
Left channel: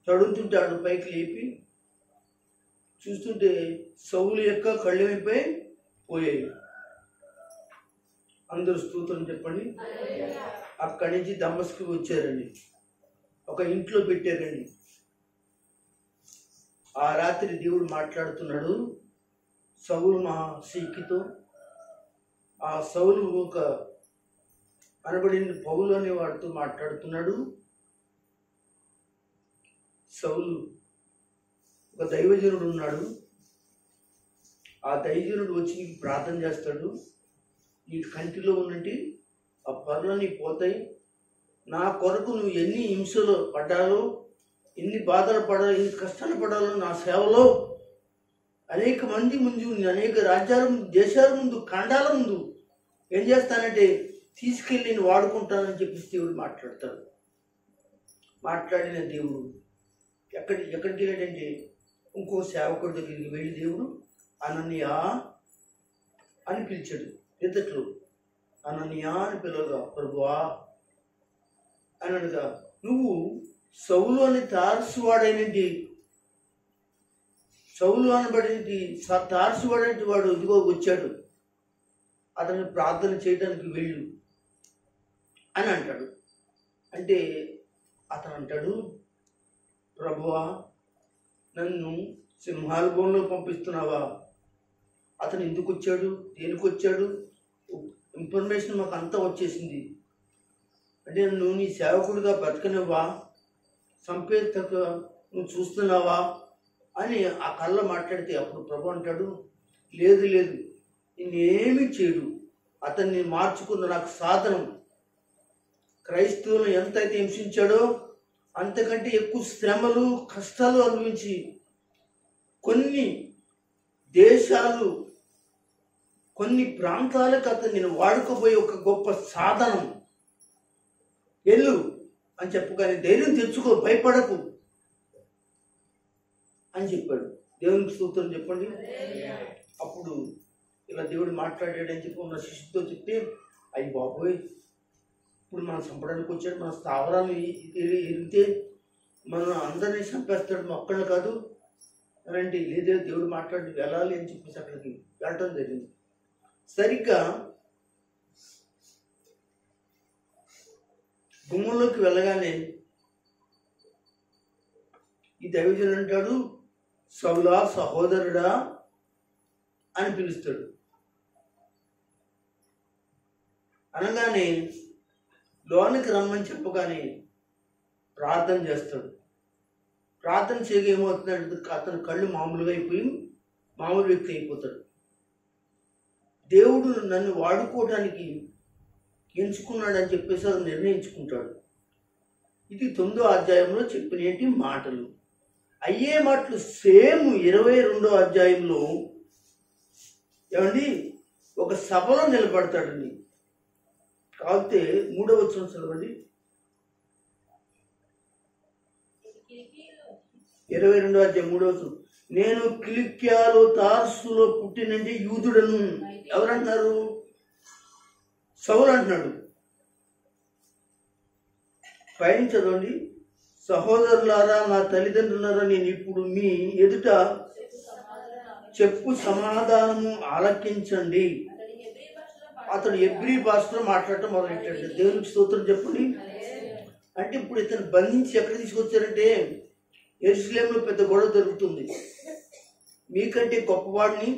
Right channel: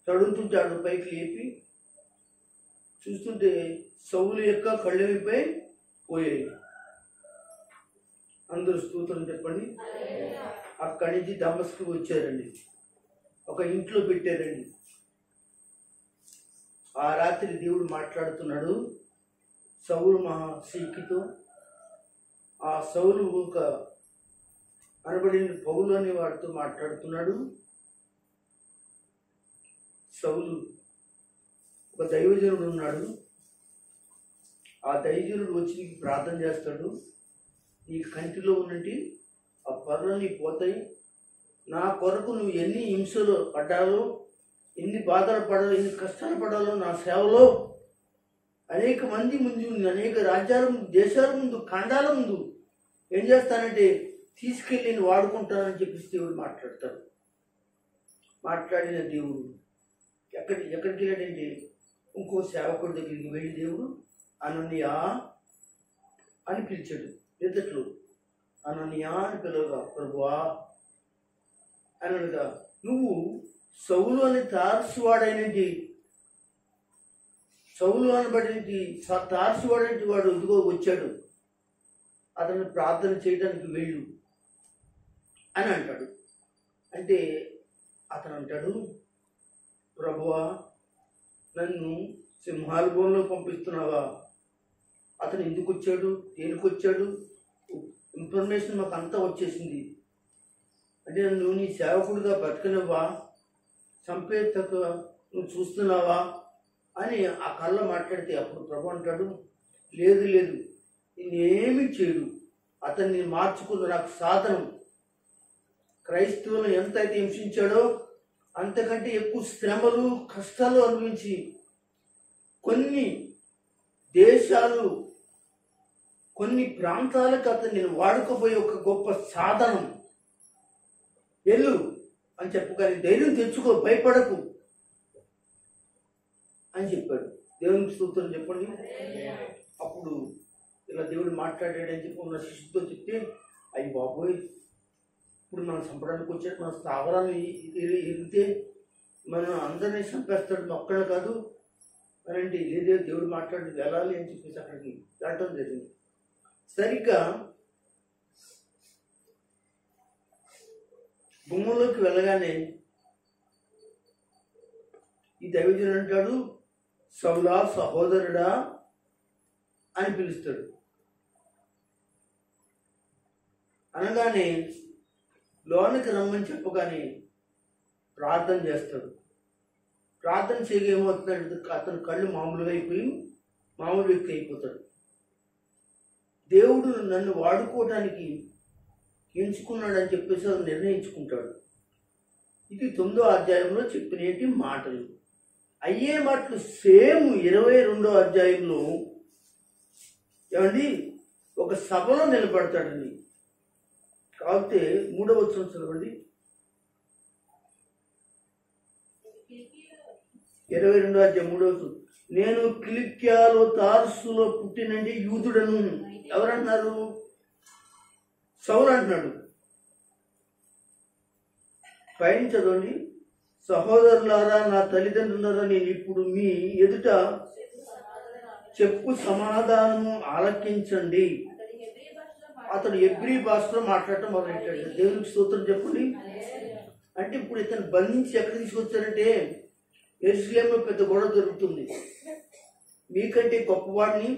తడుముతుంటాడు, పైకి లేపి చూస్తుంటే సౌలు యొక్క కళ్ళు ఏమైపోయి పోయాయి. అందరూ స్తోత్రం చెప్పండి. అక్కడి నుంచి దమస్కు వచ్చారండి, ఒక ఇంట్లో పెట్టారండి. ఆ రాత్రి దేవుడు మాట్లాడుతున్నాడు సౌలు మహాశీకితో. ఆ సౌలు ఒక అనబడిన పౌలు అనే వాడితో మాట్లాడుతున్నాడు. సౌలు ఒక దైవజనుడు ఉన్నాడు. ఆ దైవజనుడు వచ్చి నీకు ప్రార్థన చేస్తాడు. నీ కంటిలో ఉన్నట్టు ఆ పనులు నీకు పోతాయి. నా కొరకు నువ్వు ఎన్ని హింసలు పడ్డాలో, ఎన్ని బాధలు పడాలో, ఎన్ని కష్టాలు పడాలో నా సేవలో అనేక మంది ముందు, అనేక రాజ్యాల ముందు, దేశాల ముందు, ఖండాల ముందు ఏం చేస్తానంటే తీసుకెళ్ళి నేను వాడుకుంటానని చెప్పి దేవుడు మాట్లాడతాడు. మాట్లాడిన దేవుడు ఎక్కడికి వెళ్ళాడంటే ఇంకో సేవకుడి దగ్గరికి వెళ్ళి దేవుడు అననీయ అని పిలిచాడు. ఎత్తట్లో అననీయ అని పిలవగా, ప్రభువా అని అనగా, నువ్వు సౌలు అని తార్సువాడైనది, సౌలు అనబడినది తార్సువాడైన వాడు ఇదిగో వచ్చాడు, అతను ప్రార్థన చేయడానికి వెళ్ళు అని అంటాడు. అంటే అతను అంటాడు, ప్రభువా నన్ను సింహాల బోన్లో పంపిస్తున్నావా? అతను ఎందుకు వచ్చాడు, దేనికి వచ్చాడు, ఇన్ఫర్మేషన్ మాకు అంతా వచ్చేసింది. అంటే నువ్వు నీ సేవకుడిగా బతకనివ్వా, సంపేతక నువ్వు చూస్తున్నావా అని ఆ కళ్ళ మాట్లాడితే అప్పుడు ప్రభు అంటాడు, లేదు లేదు, నేనేమి చేయడు, అతన్ని మార్చుకున్న నాకు సాధనం. క్రైస్తవులను ఎంతైతే హింసించాడో అంతకంటే ఎక్కువ శ్రమలు కష్టాలు అనుభవించి కొన్ని దేశాలు కొన్ని ప్రాంతాలకు అతను నేను వాడుకోబోయే ఒక గొప్ప సాధనం. వెళ్ళు అని చెప్పగానే ధైర్యం తెచ్చుకో, భయపడకు అని చెప్పాడు. దేవునికి స్తోత్రం చెప్పండి. అప్పుడు ఇలా దేవుడు మాట్లాడాడని చెప్పి ఉన్న శిష్యుతో చెప్తే, అయ్యి బాబోయ్, ఇప్పుడు మనం చంపడానికి వచ్చాడు, మన స్థావరాన్ని ఎరిగితే మనం అందరినీ చంపేస్తాడు, ఒక్కళ్ళు కాదు అనంటే, లేదే దేవుడు మాట్లాడి వెళ్ళాలి అని చెప్పేసి అక్కడికి వెళ్ళటం జరిగింది. సరిగ్గా గుమ్మంలోకి వెళ్ళగానే ఈ దైవజనుడు అంటాడు, సౌలా సహోదరుడా అని పిలుస్తాడు. అనగానే లోనికి రమ్మని చెప్పగానే ప్రార్థన చేస్తాడు. ప్రార్థన చేయగా ఏమవుతుందంటే అతని కళ్ళు మామూలుగా అయిపోయి మామూలు వ్యక్తి అయిపోతాడు. దేవుడు నన్ను వాడుకోవడానికి ఎంచుకున్నాడని చెప్పేసి అది నిర్ణయించుకుంటాడు. ఇది 9వ అధ్యాయంలో చెప్పినటి మాటలు. అయ్యే మాటలు సేమ్ 22వ అధ్యాయంలో ఏమండి ఒక సభలో నిలబడతాడండి. కాకపోతే 3వ వచనం చదవండి. 22వ అధ్యాయం 3వ వచనం. నేను కిలిక్యాలో తార్సులో పుట్టినంటే యూదుడను. ఎవరంటున్నారు? సౌలు అంటున్నాడు. పైన చదవండి. సహోదరులారా, నా తల్లిదండ్రులారా, నేను ఇప్పుడు మీ ఎదుట చెప్పు సమాధానము ఆలకించండి. అతడు ఎబ్రీ భాషలో మాట్లాడటం మొదలెట్టాడు. దేవునికి స్తోత్రం చెప్పండి. అంటే ఇప్పుడు ఇతను బంధించి ఎక్కడ తీసుకొచ్చారంటే యెరూషలేములో పెద్ద గొడవ జరుగుతుంది. మీకంటే గొప్పవాడిని,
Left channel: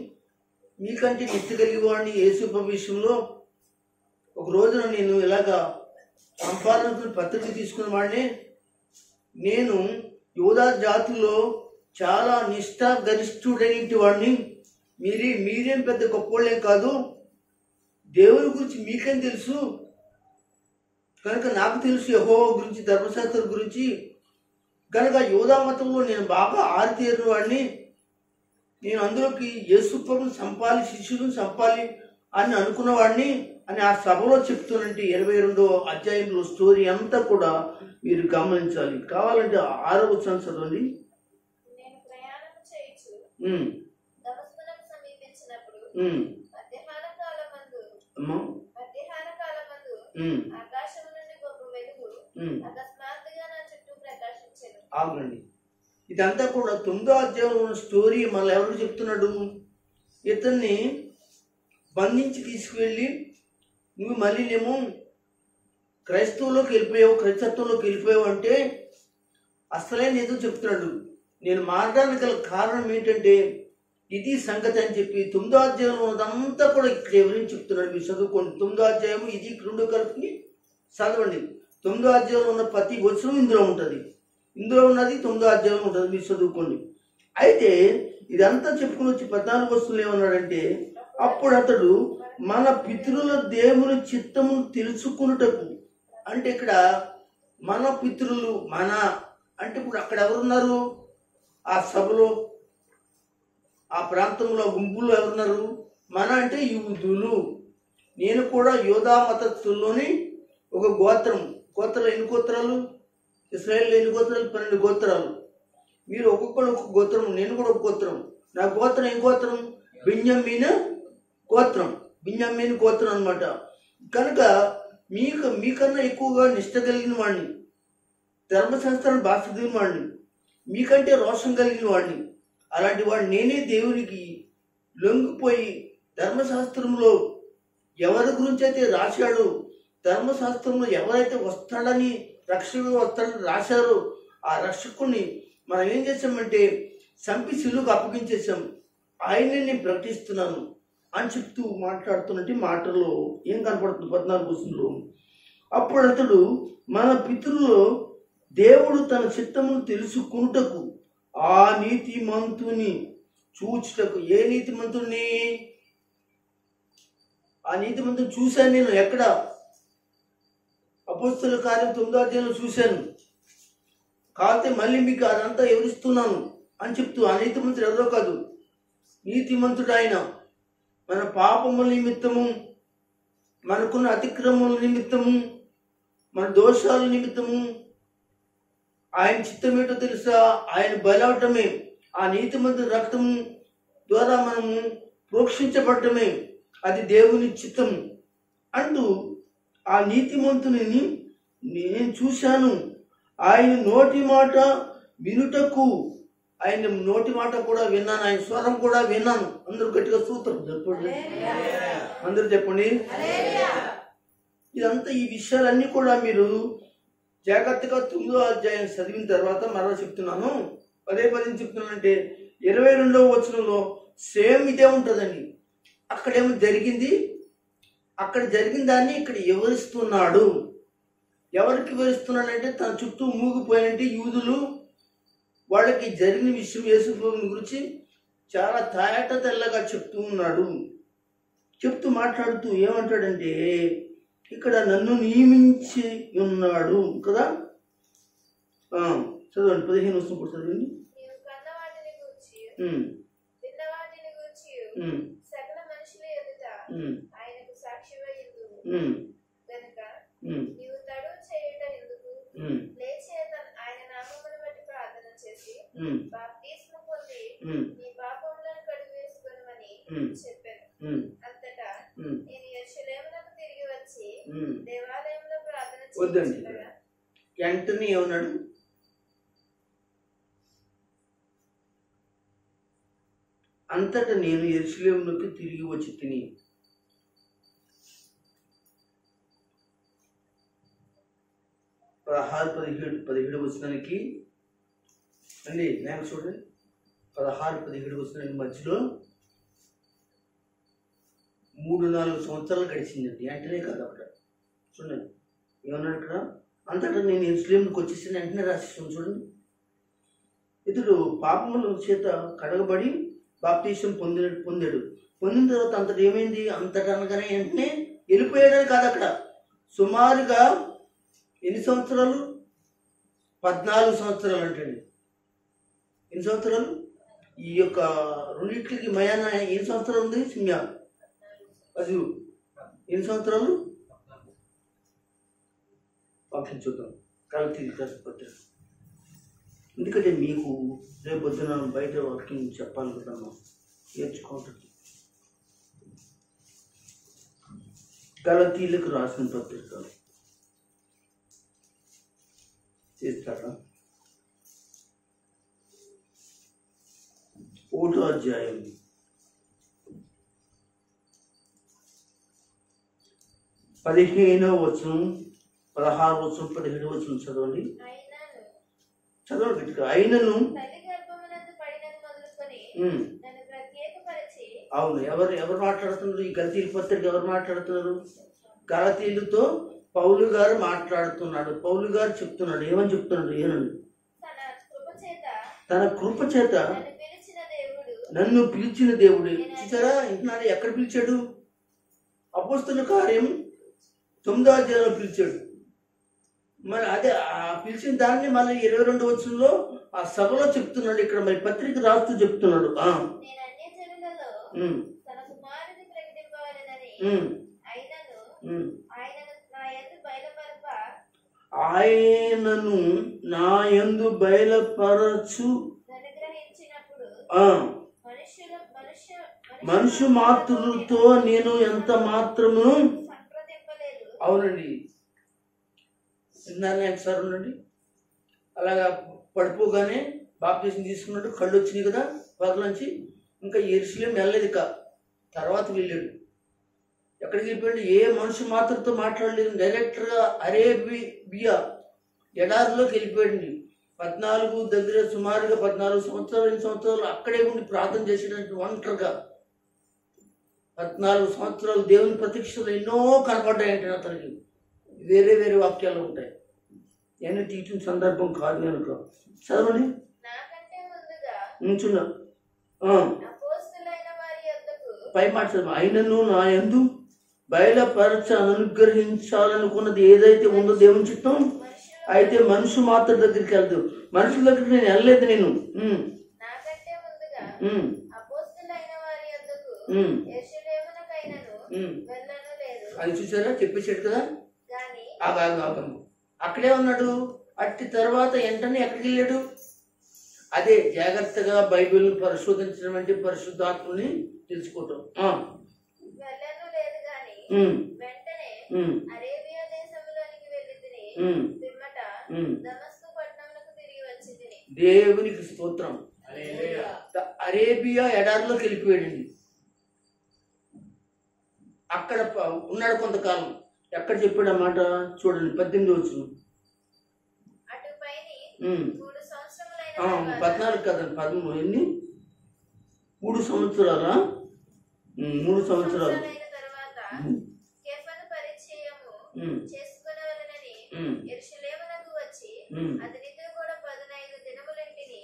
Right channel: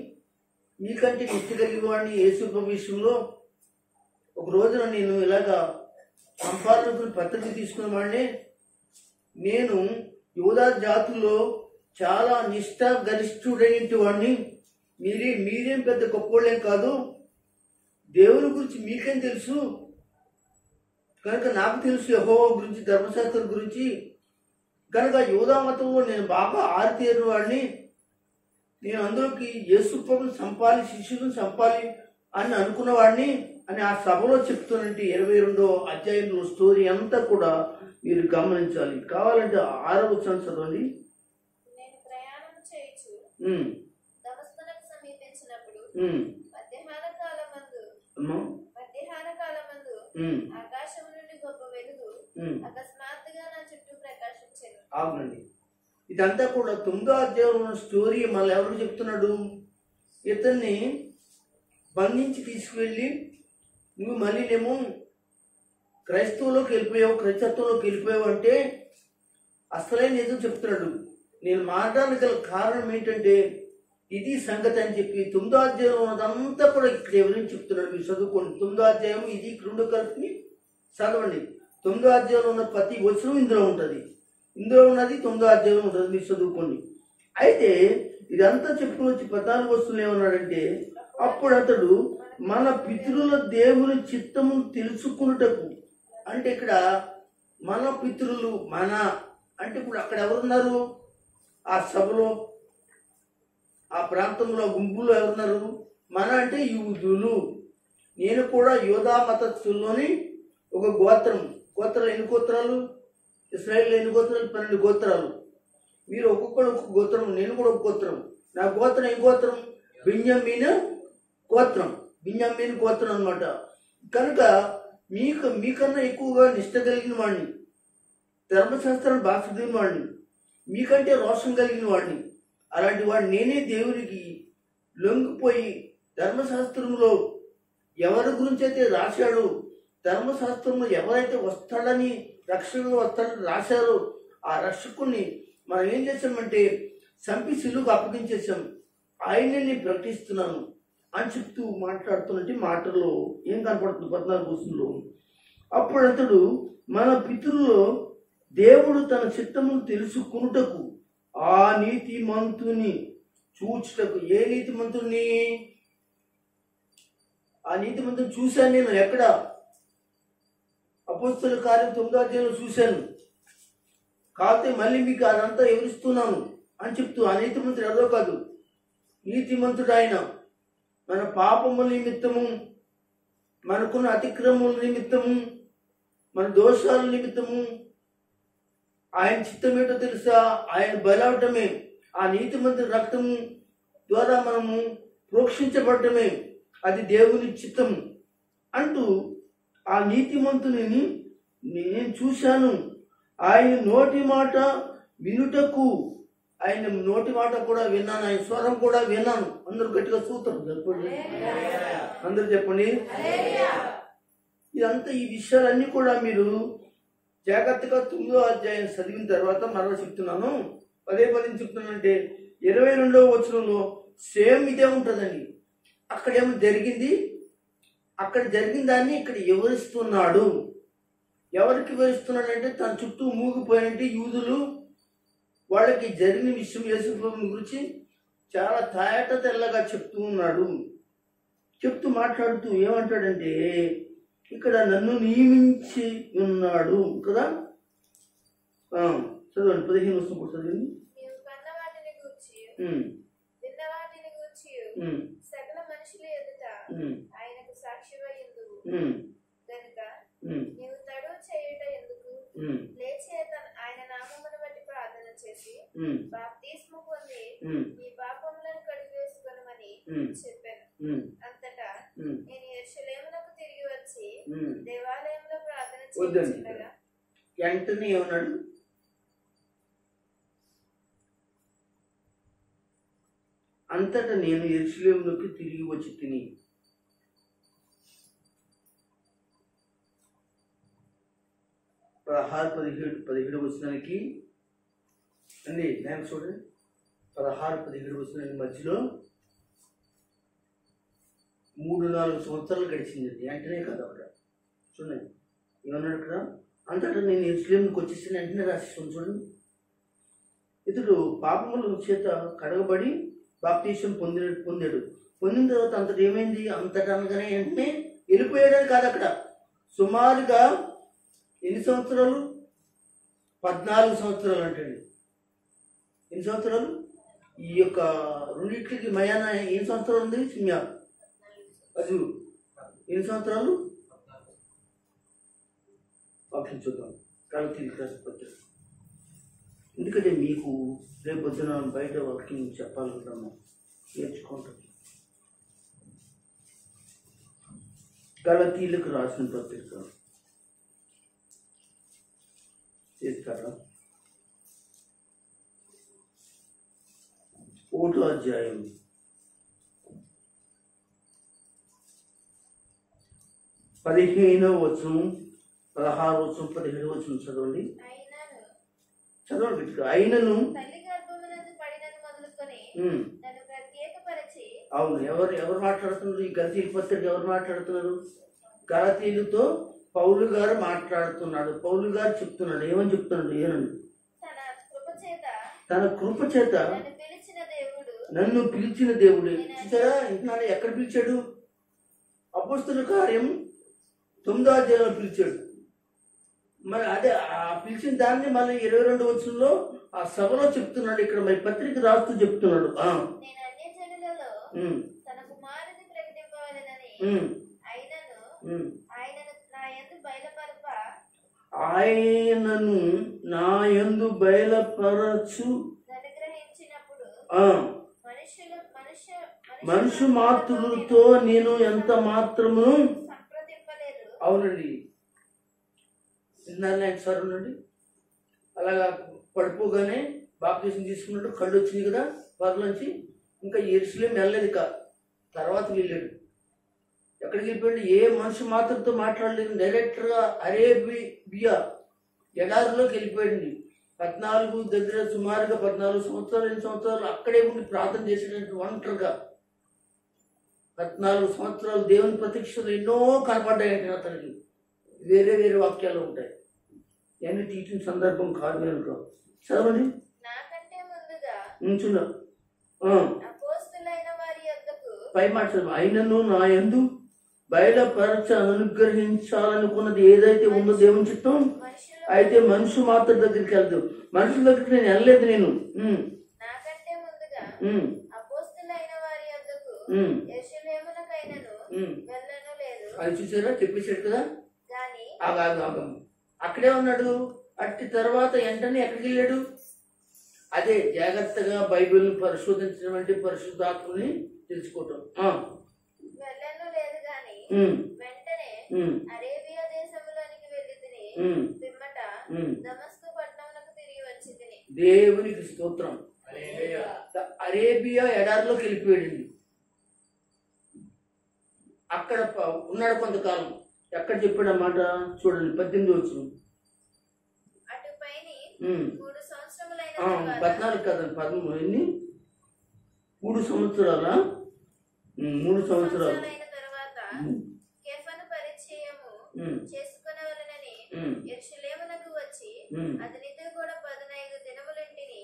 మీకంటే నిత్య కలిగిన వాడిని యేసు విషయంలో ఒక రోజున నేను ఇలాగా సంపాదన పత్రిక తీసుకున్న వాడిని, నేను యూదా జాతిలో చాలా నిష్ఠాగరిష్ఠుడైన వాడిని, మీరేం పెద్ద గొప్పవాళ్ళేం కాదు, దేవుని గురించి మీకేం తెలుసు, కనుక నాకు తెలుసు యెహోవా గురించి, ధర్మశాస్త్రం గురించి, కనుక యూదా మతంలో నేను బాగా ఆరితేరిన వాడిని, నేను అందులోకి యేసుప్రభుని చంపాలి, శిష్యులను చంపాలి అని అనుకున్నవాడిని అని ఆ సభలో చెప్తున్నట్టు 22వ అధ్యాయంలో స్టోరీ అంతా కూడా మీరు గమనించాలి. కావాలంటే 6వ వచనం చదవండి. అవునండి, ఇదంతా కూడా 9వ అధ్యాయంలో ఉన్న స్టోరీ మళ్ళీ ఎవరికి చెప్తున్నాడు? ఇతన్ని బంధించి తీసుకువెళ్ళి నువ్వు మళ్ళీనేమో క్రైస్తవంలోకి వెళ్ళిపోయావు, క్రైస్తత్వంలోకి వెళ్ళిపోయావు అంటే అసలైన ఏదో చెప్తున్నాడు. నేను మారడానికి గల కారణం ఏంటంటే ఇది సంగతి అని చెప్పి 9వ అధ్యాయంలో ఉన్నదంతా కూడా ఇక్కడ ఎవరైనా చెప్తున్నాడు. మీరు చదువుకోండి. 9వ అధ్యాయం ఇది 2 కలిపి చదవండి. 9వ అధ్యాయంలో ఉన్న ప్రతి వచనం ఇందులో ఉంటుంది. ఇందులో ఉన్నది 9వ అధ్యాయంలో ఉంటుంది. మీరు చదువుకోండి. అయితే ఇదంతా చెప్పుకుని వచ్చి 14 వచనంలో ఏమన్నాడంటే, అప్పుడు అతడు మన పితరుల దేవుని చిత్తము తెలుసుకున్నటకు, అంటే ఇక్కడ మన పితరులు, మన అంటే ఇప్పుడు అక్కడ ఎవరున్నారు? ఆ సభలో, ఆ ప్రాంతంలో గుంపులో ఎవరున్నారు? మన అంటే యూదులు. నేను కూడా యోధా మతస్థుల్లోని ఒక గోత్రం. గోత్రాలు ఎన్ని గోత్రాలు? ఇశ్రాయేల్లో ఎన్ని గోత్రాలు? 12 గోత్రాలు. మీరు ఒక్కొక్కరు ఒక్కొక్క గోత్రం, నేను కూడా ఒక గోత్రం. నా గోత్రం ఏం గోత్రం? బెన్యామీను గోత్రం. బెన్యామీను గోత్రం అన్నమాట. కనుక మీకన్నా ఎక్కువగా నిష్ట కలిగిన వాడిని, ధర్మశాస్త్రాన్ని భాష దిగిన వాడిని, మీకంటే రోషం కలిగిన వాడిని. అలాంటి వాడు నేనే దేవునికి లొంగిపోయి ధర్మశాస్త్రంలో ఎవరి గురించి అయితే రాశాడో, ధర్మశాస్త్రంలో ఎవరైతే వస్తాడని, రక్షకుడు వస్తాడని రాశారో ఆ రక్షకుడిని మనం ఏం చేసామంటే చంపి సిలువకు అప్పగించేసాం, ఆయన్ని నేను ప్రకటిస్తున్నాను అని చెప్తూ మాట్లాడుతున్నట్టు మాటల్లో ఏం కనపడుతుంది 14 వచనంలో. అప్పుడు అతడు మన పితరుల్లో దేవుడు తన చిత్తమును తెలుసుకునుటకు ఆ నీతిమంతుని చూచుటకు. ఏ నీతిమంతుని? ఆ నీతిమంతుని చూశాను నేను. ఎక్కడ? అపోస్తలుల కార్యం 9వ అధ్యాయంలో చూశాను. కాకపోతే మళ్ళీ మీకు అదంతా వివరిస్తున్నాను అని చెప్తూ, ఆ నీతిమంతుడు ఎవరో కాదు, నీతిమంతుడు ఆయన. మన పాపముల నిమిత్తము, మనకున్న అతిక్రమముల నిమిత్తము, మన దోషాల నిమిత్తము ఆయన చిత్తం ఏంటో తెలుసా? ఆయన బలవటమే, ఆ నీతిమంతుని రక్తము ద్వారా మనము ప్రోక్షించబడటమే, అది దేవుని చిత్తము అంటూ ఆ నీతిమంతుని నేను చూశాను. ఆయన నోటి మాట వినుటకు, ఆయన నోటి మాట కూడా విన్నాను, ఆయన స్వరం కూడా విన్నాను. అందరూ గట్టిగా చూస్తారు, చెప్పండి, అందరూ చెప్పండి. ఇదంతా ఈ విషయాలన్నీ కూడా మీరు జాగ్రత్తగా 9వ అధ్యాయం చదివిన తర్వాత మరలా చెప్తున్నాను, పదే చెప్తున్నానంటే 22వ వచనంలో సేమ్ ఇదే ఉంటుందండి. అక్కడేమో జరిగింది, అక్కడ జరిగిన దాన్ని ఇక్కడ వివరిస్తున్నాడు. ఎవరికి వివరిస్తున్నాడంటే తన చుట్టూ మూగిపోయినట్టు యూదులు, వాళ్ళకి జరిగిన విషయం యేసుప్రభుని గురించి చాలా తాయట తెల్లగా చెప్తూ ఉన్నాడు. చెప్తూ మాట్లాడుతూ ఏమంటాడంటే, ఇక్కడ నన్ను నియమించి ఉన్నాడు కదా. చదవండి, 15 వస్తుంది కూడా చదవండి. సకల మనుషుల ఎదుట ఆయనకు సాక్షివయ్యుందువు గనుక నీవు తడువు చేయుట ఎందుకు? లేచి ఆయన నామమును బట్టి ప్రార్థన చేసి బాప్తిస్మము పొంది నీ పాపములను కడిగివేసుకొనుమని చెప్పాను. అంతటా నేను యెరూషలేమునకు తిరిగి వచ్చి దేవాలయంలో ప్రార్థన చేయుచుండగా వెంటనే ఏమన్నాడు? అంతటా నేను యెరూషలేమునకు తిరిగి వచ్చి తిని. పదహారు 17 వచనానికి అండి, నేను చూడండి, 16-17 వచనానికి మధ్యలో 3-4 సంవత్సరాలు గడిచిందండి. వెంటనే కదా అక్కడ చూడండి ఏమన్నాడు అక్కడ, అంతటా నేను యెరూషలేమునకు వచ్చేసి వెంటనే రాసేసాను చూడండి. ఇతడు పాపముల చేత కడగబడి బాప్తిసం పొందాడు. పొందిన తర్వాత అంతటా ఏమైంది? అంతటా అనగానే వెంటనే వెళ్ళిపోయాడని కాదు, అక్కడ సుమారుగా ఎన్ని సంవత్సరాలు? 14 సంవత్సరాలు అంటండి. ఎన్ని సంవత్సరాలు? ఈ యొక్క రెండింటికి మయాన ఎన్ని సంవత్సరాలు ఉంది? సింహ అది ఎన్ని సంవత్సరాలు? వాక్యం చూద్దాం, కలతీ పత్రిక. ఎందుకంటే మీకు రేపు పొద్దున బయట వాక్యం చెప్పాలనుకుంటున్నాను, నేర్చుకుంటాను. గలతీలకు రాసిన పత్రిక చేస్తారా? 1వ అధ్యాయం 15వ వచనం, 16వ వచనం, 17వ వచనం చదవండి. చదవండి గట్టిగా. అయినను అవును, ఎవరు మాట్లాడుతున్నారు? ఈ గలతీ పత్రిక ఎవరు మాట్లాడుతున్నారు? గలతీయులతో పౌలు గారు మాట్లాడుతున్నాడు. పౌలు గారు చెప్తున్నాడు, ఏమని చెప్తున్నాడు? ఏనండి, తన కృప చేత నన్ను పిలిచిన దేవుడు. చూసారా, ఇంటున్నాడు, ఎక్కడ పిలిచాడు? అపోస్తలుల కార్యం 9వ అధ్యాయంలో పిలిచాడు. మరి అదే ఆ పిలిచిన దాన్ని మళ్ళీ 22వ వచనంలో ఆ సభలో చెప్తున్నాడు. ఇక్కడ మరి పత్రిక రాస్తూ చెప్తున్నాడు, ఆయనను నా యందు బయలుపరచు మనుషు మాతృతో నేను ఎంత మాత్రము. అవునండి, సార్ ఉండండి. అలాగా పడిపోగానే బాప్తిసం తీసుకున్నట్టు కళ్ళు వచ్చినాయి కదా పర్లోంచి. ఇంకా యెరూషలేము వెళ్ళలేదు, ఇక తర్వాత వెళ్ళాడు. ఎక్కడికి వెళ్ళిపోయాడు? ఏ మనుషు మాత్రతో మాట్లాడలేదు, డైరెక్ట్గా అరేబియా ఎడారిలోకి వెళ్ళిపోయాడు. 14 దగ్గర సుమారుగా 14 సంవత్సరాలు 2 సంవత్సరాలు అక్కడే ఉండి ప్రార్థన చేసేటట్టు ఒంటరిగా 14 సంవత్సరాలు దేవుని ప్రత్యక్షలు ఎన్నో కనపడ్డాయంటే అతనికి. వేరే వేరే వాక్యాలు ఉంటాయి, ఎన్ని తీసిన సందర్భం కాదు అనుకో. చదవండి, చూడ పై మాట చదువు. అయినను నా యందు బయలుపరచ అనుగ్రహించాలనుకున్నది ఏదైతే ఉందో దేవుని చిత్తం, అయితే మనుషు మాత్రం దగ్గరికి వెళ్దు. మనుషుల దగ్గరికి నేను వెళ్ళలేదు. నేను వెళ్ళను లేదు అది చూసారా, చెప్పేశాడు కదా. గాని ఆగము అక్కడే ఉన్నాడు. అట్టి తర్వాత వెంటనే ఎక్కడికి వెళ్ళాడు? అదే జాగ్రత్తగా బైబిల్ని పరిశోధించడం అంటే పరిశుద్ధాత్మని తెలుసుకోవటం. వెళ్ళను లేదు గాని వెంటనే అరేబియా దేశంలోనికి వెళ్ళి తిని పిమ్మట దమస్కు పట్టణమునకు తిరిగి వచ్చి తిని. దేవునికి స్తోత్రం. అరేబియా ఎడారిలోకి వెళ్ళిపోయాడండి. అక్కడ ఉన్నాడు కొంతకాలం. ఎక్కడ చెప్పాడు అన్నమాట చూడండి, 18 వచనం. అటుపైని 14 కదండి, 13 ఎన్ని 3 సంవత్సరాలా? 3 సంవత్సరాలు తర్వాత కేఫను పరిచయము చేసుకొనవలెనని యెరూషలేమునకు వచ్చి అతనితో కూడా 15 దినములుంటిని.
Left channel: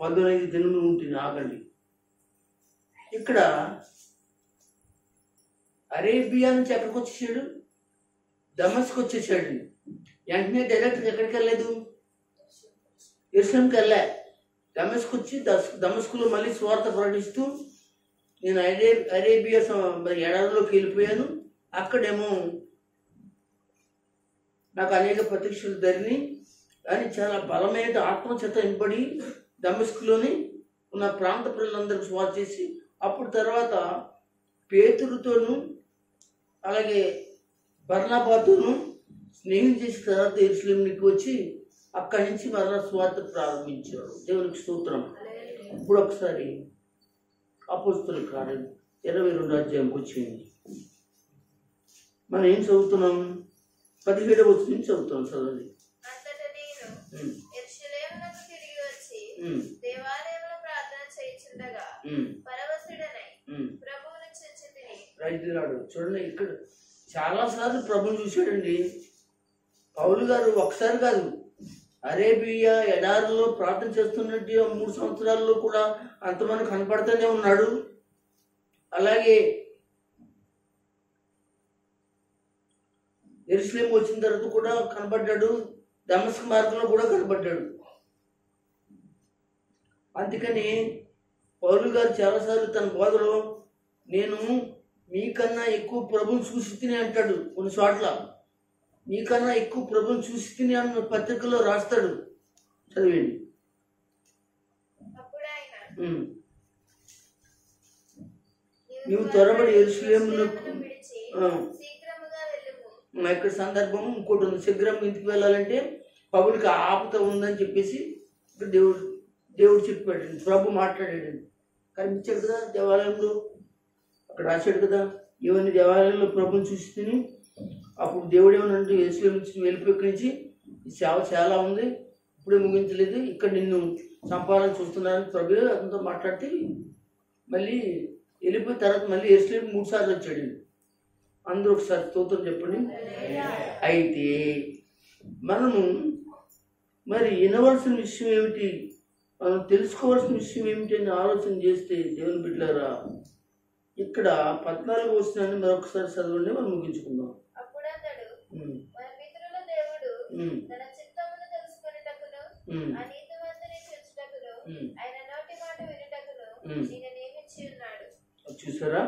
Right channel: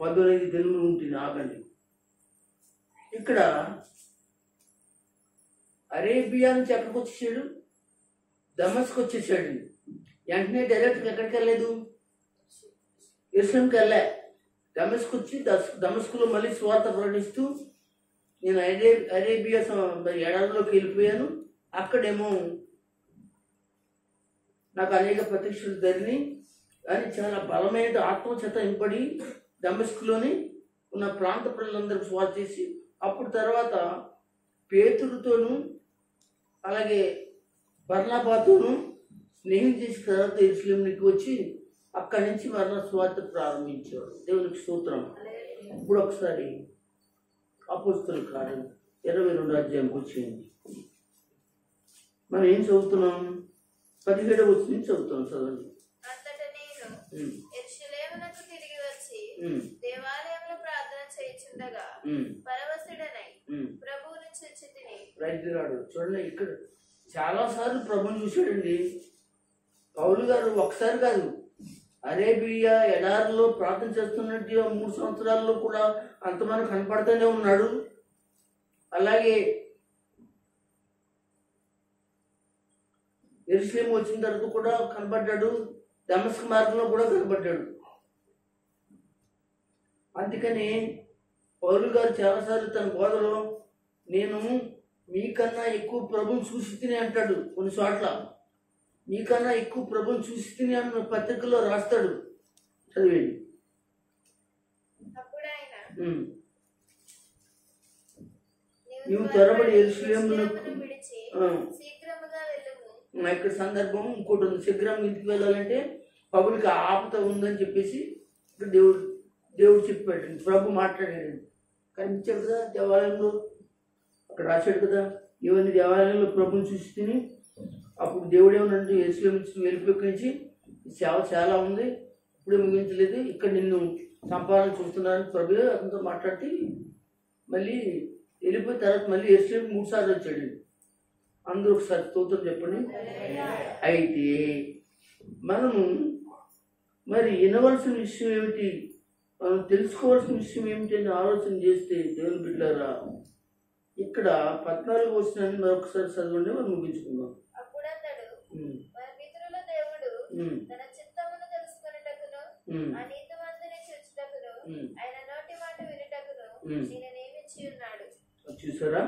15 దినములు ఉంటుంది. ఆగండి, ఇక్కడ అరేబియా నుంచి ఎక్కడికి వచ్చేసాడు? దమస్కు వచ్చేసాడు. వెంటనే డైరెక్ట్గా ఎక్కడికి వెళ్ళలేదు, యెరూషలేముకి వెళ్ళా. దమస్కు వచ్చి దమస్కులో మళ్ళీ స్వార్థ ప్రకటిస్తూ నేను అరేబియా ఎడారిలోకి వెళ్ళిపోయాను. అక్కడేమో నాకు అనేక ప్రత్యక్షలు జరిగినాయి అని చాలా బలమైన ఆత్మచేత ఇంపడి దమస్కులోని ఉన్న ప్రాంత ప్రజలందరికీ స్వార్థ చేసి అప్పుడు తర్వాత పేతురుతోనూ అలాగే బర్నబాతోనూ స్నేహం చేసిన తర్వాత యెరూషలేముకి వచ్చి అక్కడి నుంచి మరణ స్వార్థ ప్రారంభించాడు. దేవునికి స్తోత్రం. ఇప్పుడు ఒకసారి అపోస్తలుల కార్యం 22వ అధ్యాయంకి వచ్చింది. మనం ఏం చదువుతున్నాం? 17వ వచనం నుంచి చదువుతాం. చదవండి. అంతటా నేను యెరూషలేమునకు తిరిగి వచ్చి దేవాలయంలో ప్రార్థన చేయుచుండగా పరవశుడనై ప్రభువును చూచి తిని. చూడండి, ఇక్కడ చాలా సార్లు ప్రభువుని చూశాడండి పౌలు గారు. ఒకసారి కాదు, అరేబియా ఎడారిలో ప్రార్థన చేస్తున్నట్టు 3 సంవత్సరాల్లో కూడా అంతమంది కనపడుతూనే ఉన్నాడు. అలాగే యెరూషలేము వచ్చిన తర్వాత కూడా కనబడ్డాడు. దమస్కు మార్గంలో కూడా కనబడ్డాడు. అందుకని పౌలు గారు చాలాసార్లు తన బోధలో నేను మీకన్నా ఎక్కువ ప్రభుని చూసి తిని అంటాడు. కొన్ని చోట్ల మీకన్నా ఎక్కువ ప్రభుని చూసి తిని అన్న పత్రికలో రాస్తాడు. చదివేయండి. నీవు త్వరబడి యెరూషలేమునకు. ఇక్కడ సందర్భం ఇంకోటి ఉంది. శీఘ్రం ఇంటికి వెళ్ళాలంటే పౌలుకి ఆపత ఉందని చెప్పేసి ఇక్కడ దేవుడు చెప్పాడు. ప్రభు మాట్లాడాడు. కనిపించాడు కదా దేవాలయంలో, అక్కడ రాశాడు కదా, ఇవన్నీ దేవాలయంలో ప్రభుని చూసి తిని. అప్పుడు దేవుడు ఏమన్నాడు, యెరూషలేము నుంచి వెళ్ళిపోయి సేవ చాలా ఉంది, ఇప్పుడే ముగించలేదు, ఇక్కడ నిన్ను చంపాలని చూస్తున్నానని ప్రభు అతనితో మాట్లాడితే మళ్ళీ వెళ్ళిపోయిన తర్వాత మళ్ళీ యెరూషలేము 3 సార్లు వచ్చాడు. అందరూ ఒకసారి స్తోత్రం చెప్పండి. అయితే మనము మరి వినవలసిన విషయం ఏమిటి, మనం తెలుసుకోవాల్సిన విషయం ఏమిటి అని ఆలోచన చేస్తే దేవుని బిడ్డలారా, ఇక్కడ 14వ వచనాన్ని మరొకసారి చదవండి, మనం ముగించుకుందాం. తన చిత్తమును తెలుసుకొనుటకును అనీతిమంతుని చూచుటకును ఆయన నోటి మాట వినుటకును నేను నియమించి ఉన్నాడు. చూసారా,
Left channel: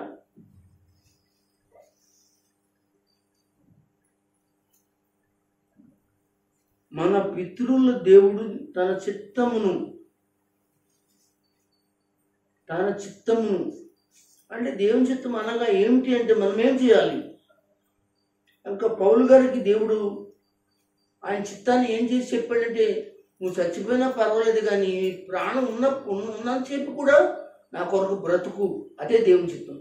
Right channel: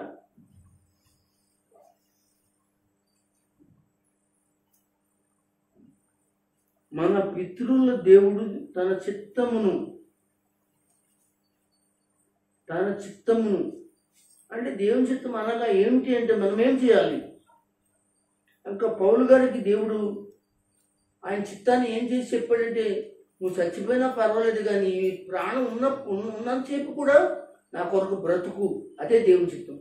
మన పితరుల దేవుడు తన చిత్తమును అంటే దేవుని చిత్తం అనగా ఏమిటి అంటే మనం ఏం చేయాలి? ఇంకా పౌలు గారికి దేవుడు ఆయన చిత్తాన్ని ఏం చేసి చెప్పాడంటే, నువ్వు చచ్చిపోయినా పర్వాలేదు కానీ ప్రాణం ఉన్నంతసేపు కూడా నా కొరకు బ్రతుకు, అదే దేవుని చిత్తం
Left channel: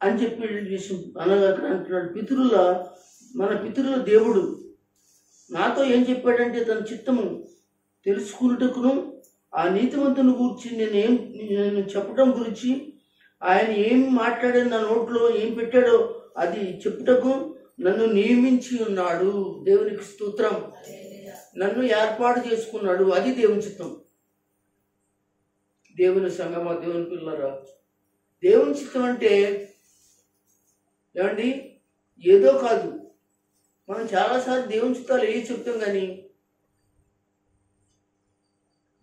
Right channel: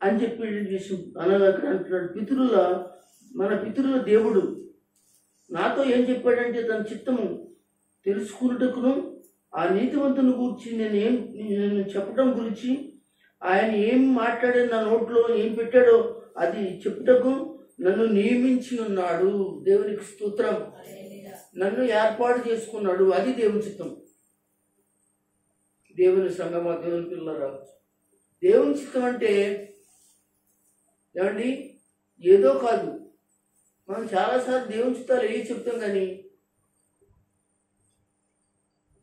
అని చెప్పి అనగా అక్కడ అంటున్నాడు. మన పితరుల దేవుడు నాతో ఏం చెప్పాడంటే, తన చిత్తము తెలుసుకున్నటకును ఆ నీతివంతుని గురించి నేను చెప్పడం గురించి, ఆయన ఏం మాట్లాడాడు, నా నోట్లో ఏం పెట్టాడో అది చెప్పుటకు నన్ను నియమించి ఉన్నాడు. దేవునికి స్తోత్రం. నన్ను ఏర్పాటు చేసుకున్నాడు, అది దేవుని చిత్తం. దేవుని సంగమా, దేవుని పిల్లరా, దేవుని చిత్తం అంటే ఏమండి ఏదో కాదు. మనం చాలాసార్లు దేవుని చిత్తాలు ఏ చెప్తాం, కానీ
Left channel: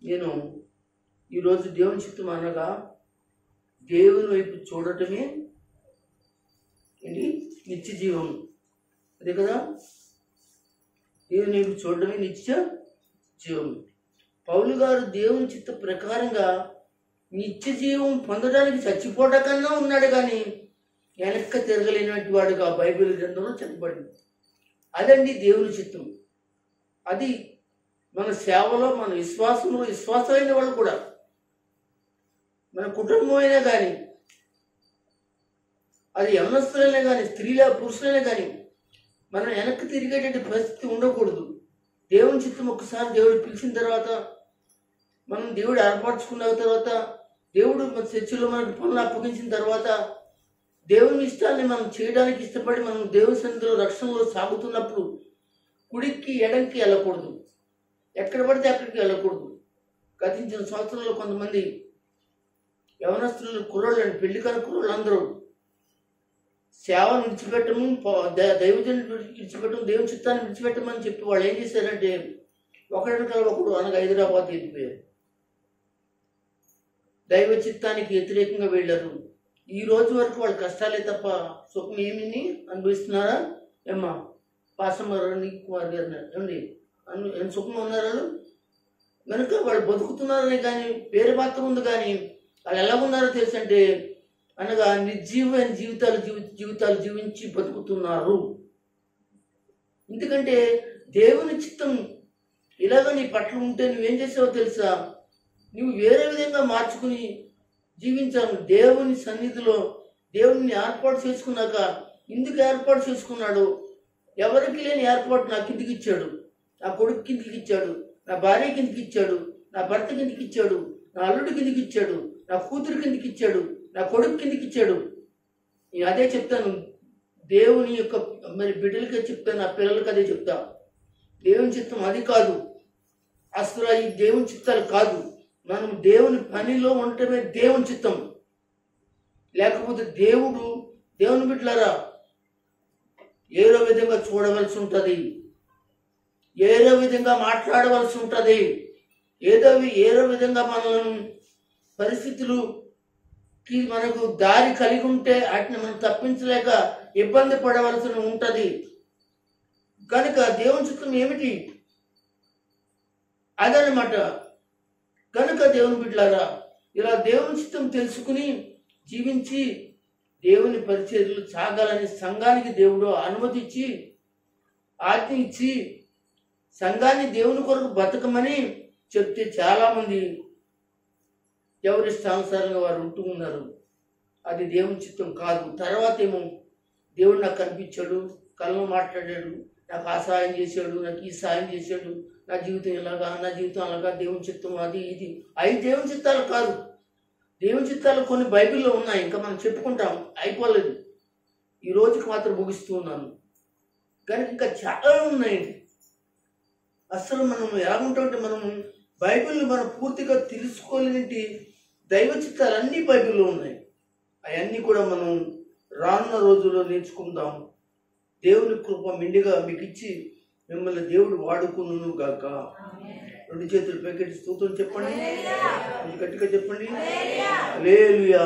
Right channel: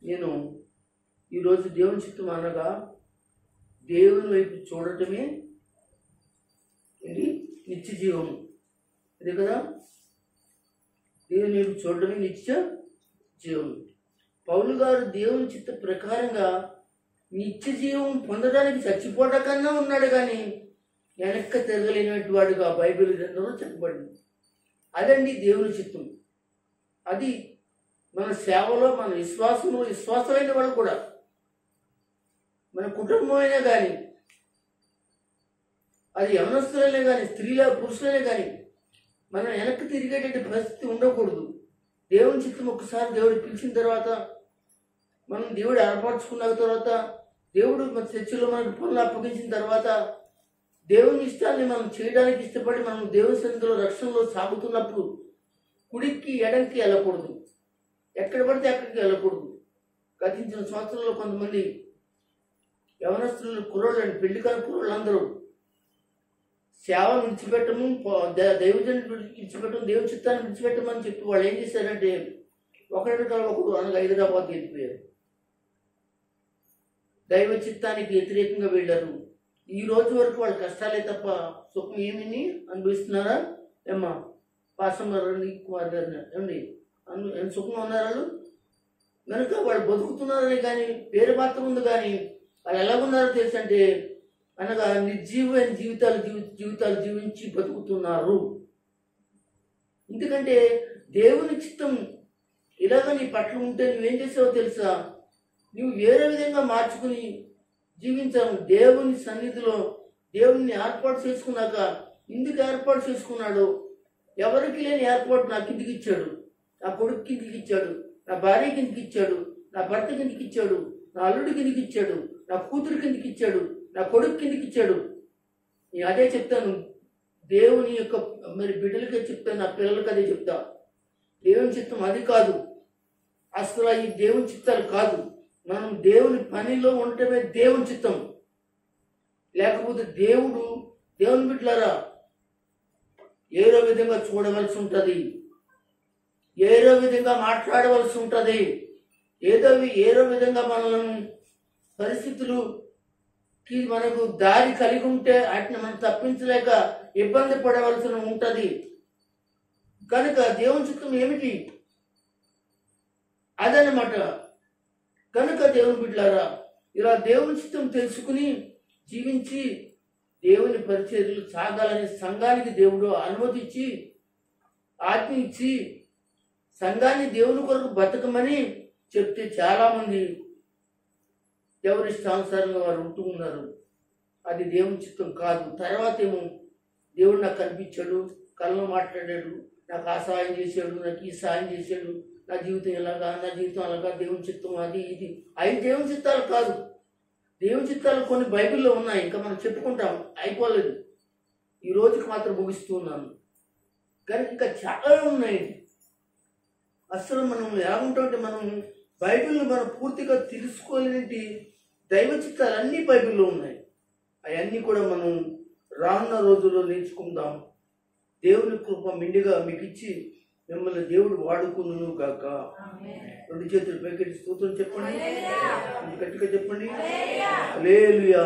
నేను ఈరోజు దేవుని చిత్తం అనగా దేవుని వైపు చూడటమే ఇది నిత్య జీవము. అదే కదా, దేవుని వైపు చూడటమే నిత్య జీవము. పౌలు గారు దేవుని చిత్త ప్రకారంగా నిత్య జీవం పొందడానికి చచ్చిపోవడం కన్నా ఉన్నాడు, కానీ వెనక్క తిరగలేనటువంటి వాడుగా బైబిల్ గ్రంథంలో చెప్పబడింది. అదండి దేవుని చిత్తం. అది మన సేవలో, మన విశ్వాసంలో విశ్వాసమైన వాళ్ళు కూడా, మన కుటుంబమైనా కానీ, అది యవనస్తులైనా కానీ, స్త్రీల పురుషులైనా కానీ, మనం వెనక్కి తిరిగేటువంటి పరిస్థితి ఉండకూడదు. దేవుని చిత్తం ఒకసారి దేవుడు పిలిచిన తర్వాత, మనం దేవుడు ఏర్పరచుకున్న తర్వాత, దేవుడు మన చర్చిలో మనకు పనులు అప్పగించిన తర్వాత, దేవుని ఇష్టాన్ని మనం చేయడానికి ఇష్టపడి మనం దేవుని సన్నిధిలో రక్షణలో సాగుతున్నప్పుడు కుడికి ఎడంకి వెళ్ళకూడదు, ఎక్కడ పడితే అక్కడికి వెళ్ళకూడదు. గతించిన సంవత్సరంలో కొంతమంది యవనస్తులు, కుర్రోళ్ళని, పెళ్లి కాని కుర్రోళ్ళు అందరూ సేవను విడిచిపెట్టము, దైవజను విడిచిపెట్టము, దేవుని చిత్తాన్ని విడిచిపెట్టమని చెప్పి వాళ్ళు ఏం చేశారంటే ఒకడు అనగా హైదరాబాద్ వెళ్ళిపోయారు. దైవ చిత్తానికి వ్యతిరేకంగా వెళ్ళారు. ఈ రోజు వరకు వాళ్ళ కష్టాలే తప్ప సుఖం ఏమిని అనుభవిస్తున్నారా? ఏమ్మా పాసం గారు, కుమార్ గారు ఏమండి, సుఖం ఉన్నారు వాళ్ళు? కనుక వాళ్ళు బతుకుతున్నారని కానీ పేరు మాత్రం ఉంది, కానీ వాళ్ళు ఎలా ఉన్నారో తెలుసంటే అనగా నిర్జీవమైన జీవితాలు జీవించి బతుకుతున్నారు. ఎందుకంటే దేవుని చిత్తం ఇలాగ నీ పట్ల ఉంటే నువ్వేం చేసావో తెలుసా? నువ్వు వేరే విధంగా మార్చుకుని జీవించావు. దేవుని సన్నిధిలో దేవుని ఏర్పాటు చేసుకున్నాక, ఎందుకు ఏర్పాటు చేసుకున్నాడు? ఎవరికి లేని ఏర్పాటు నా కిందికి ఇచ్చాడు, నా కొడుకు కిందికి ఇచ్చాడు, నా భార్య కిందికి ఇచ్చాడు, నా భర్త కిందికి ఇచ్చాడు, నా అల్లుడి కిందికి ఇచ్చాడు, నా కూతురు కిందికి ఇచ్చాడు, నా కొడుకు కిందికి ఇచ్చాడు. నేను అదే చెప్తాను, దేవుని యొక్క మరి బిడ్డలకే చెప్తాను, నా పిల్లలకి అదే చెప్తా. దేవుని చిత్తం అది కాదు, అసలు ఈ దేవుని చిత్తాలు కాదు. మనం దేవుని పనిలో ఉండటమే దేవుని చిత్తం. లేకపోతే దేవుని బిడ్డలారా ఏదో విధంగా చూడవలసి ఉంటుంది, ఏదో విధంగా మాట్లాడవలసి ఉంటుంది, ఏదో విధంగా మనల్ని పరిస్థితులుకి మనకు దారి కలిగి ఉంటే వాటిని మనం తప్పించలేక ఇబ్బంది పడవలసి ఉంటుంది. కనుక దేవుని చిత్తం ఏమిటి? అదనమాట. కనుక దేవుని బిడ్డలారా ఇలా దేవుని చిత్తం తెలుసుకుని జీవించి దేవుని పరిచర్యలు సాగాలని సంఘానికి దేవుడు అనుమతి ఇచ్చి, ఆజ్ఞ ఇచ్చి, సంఘాన్ని దేవుని కొరకు బతకమని చెప్తే చాలామంది ఎవరిష్టానుసారంగా వారు ఉంటూ ఉన్నారు. అది దేవుని చిత్తం కాదు. తర్వాత ఏమో దేవుడు నాకు కనిపించాడు, కళ్ళను మాట్లాడాడు, నాకు ఆ సాయం చేశాడు, నాకు ఈ సాయం చేశాడు, నా జీవితం ఎలాగా, నా జీవితం అలాగా, దేవుని చిత్తం అది ఇది. అవి దేవుని చిత్తాలు కాదు. దేవుని చిత్తాలు కొన్ని బైబిల్లో ఉన్నాయి, ఇంకా మనం చెప్పుకుంటాం, అయిపోలేదు. ఈ రోజుకి మాత్రం ముగిస్తూ ఉన్నాను. కానీ ఇంకా చాలా ఉన్నాయి. అసలు మనం ఎలా ఉంటామంటే, మనం బైబిల్ని మనం పూర్తిగా తెలుసుకోలేని దైవ చిత్తాలు అన్నీ బైబిల్లో ఉన్నాయి. అవన్నీ కూడా మనం రానున్న రోజుల్లో నేర్చుకుందాం. దేవుని కృప మెండుగా మీకు ఇచ్చి మిమ్మల్ని దేవుడు వాడుకును గాక. రెండు చేతులు పైకెట్టి స్తోత్రం చెప్పండి, గట్టిగా చెప్పండి. హల్లెలూయా.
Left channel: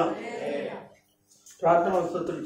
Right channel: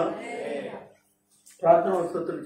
ప్రార్థన స్తోత్రం.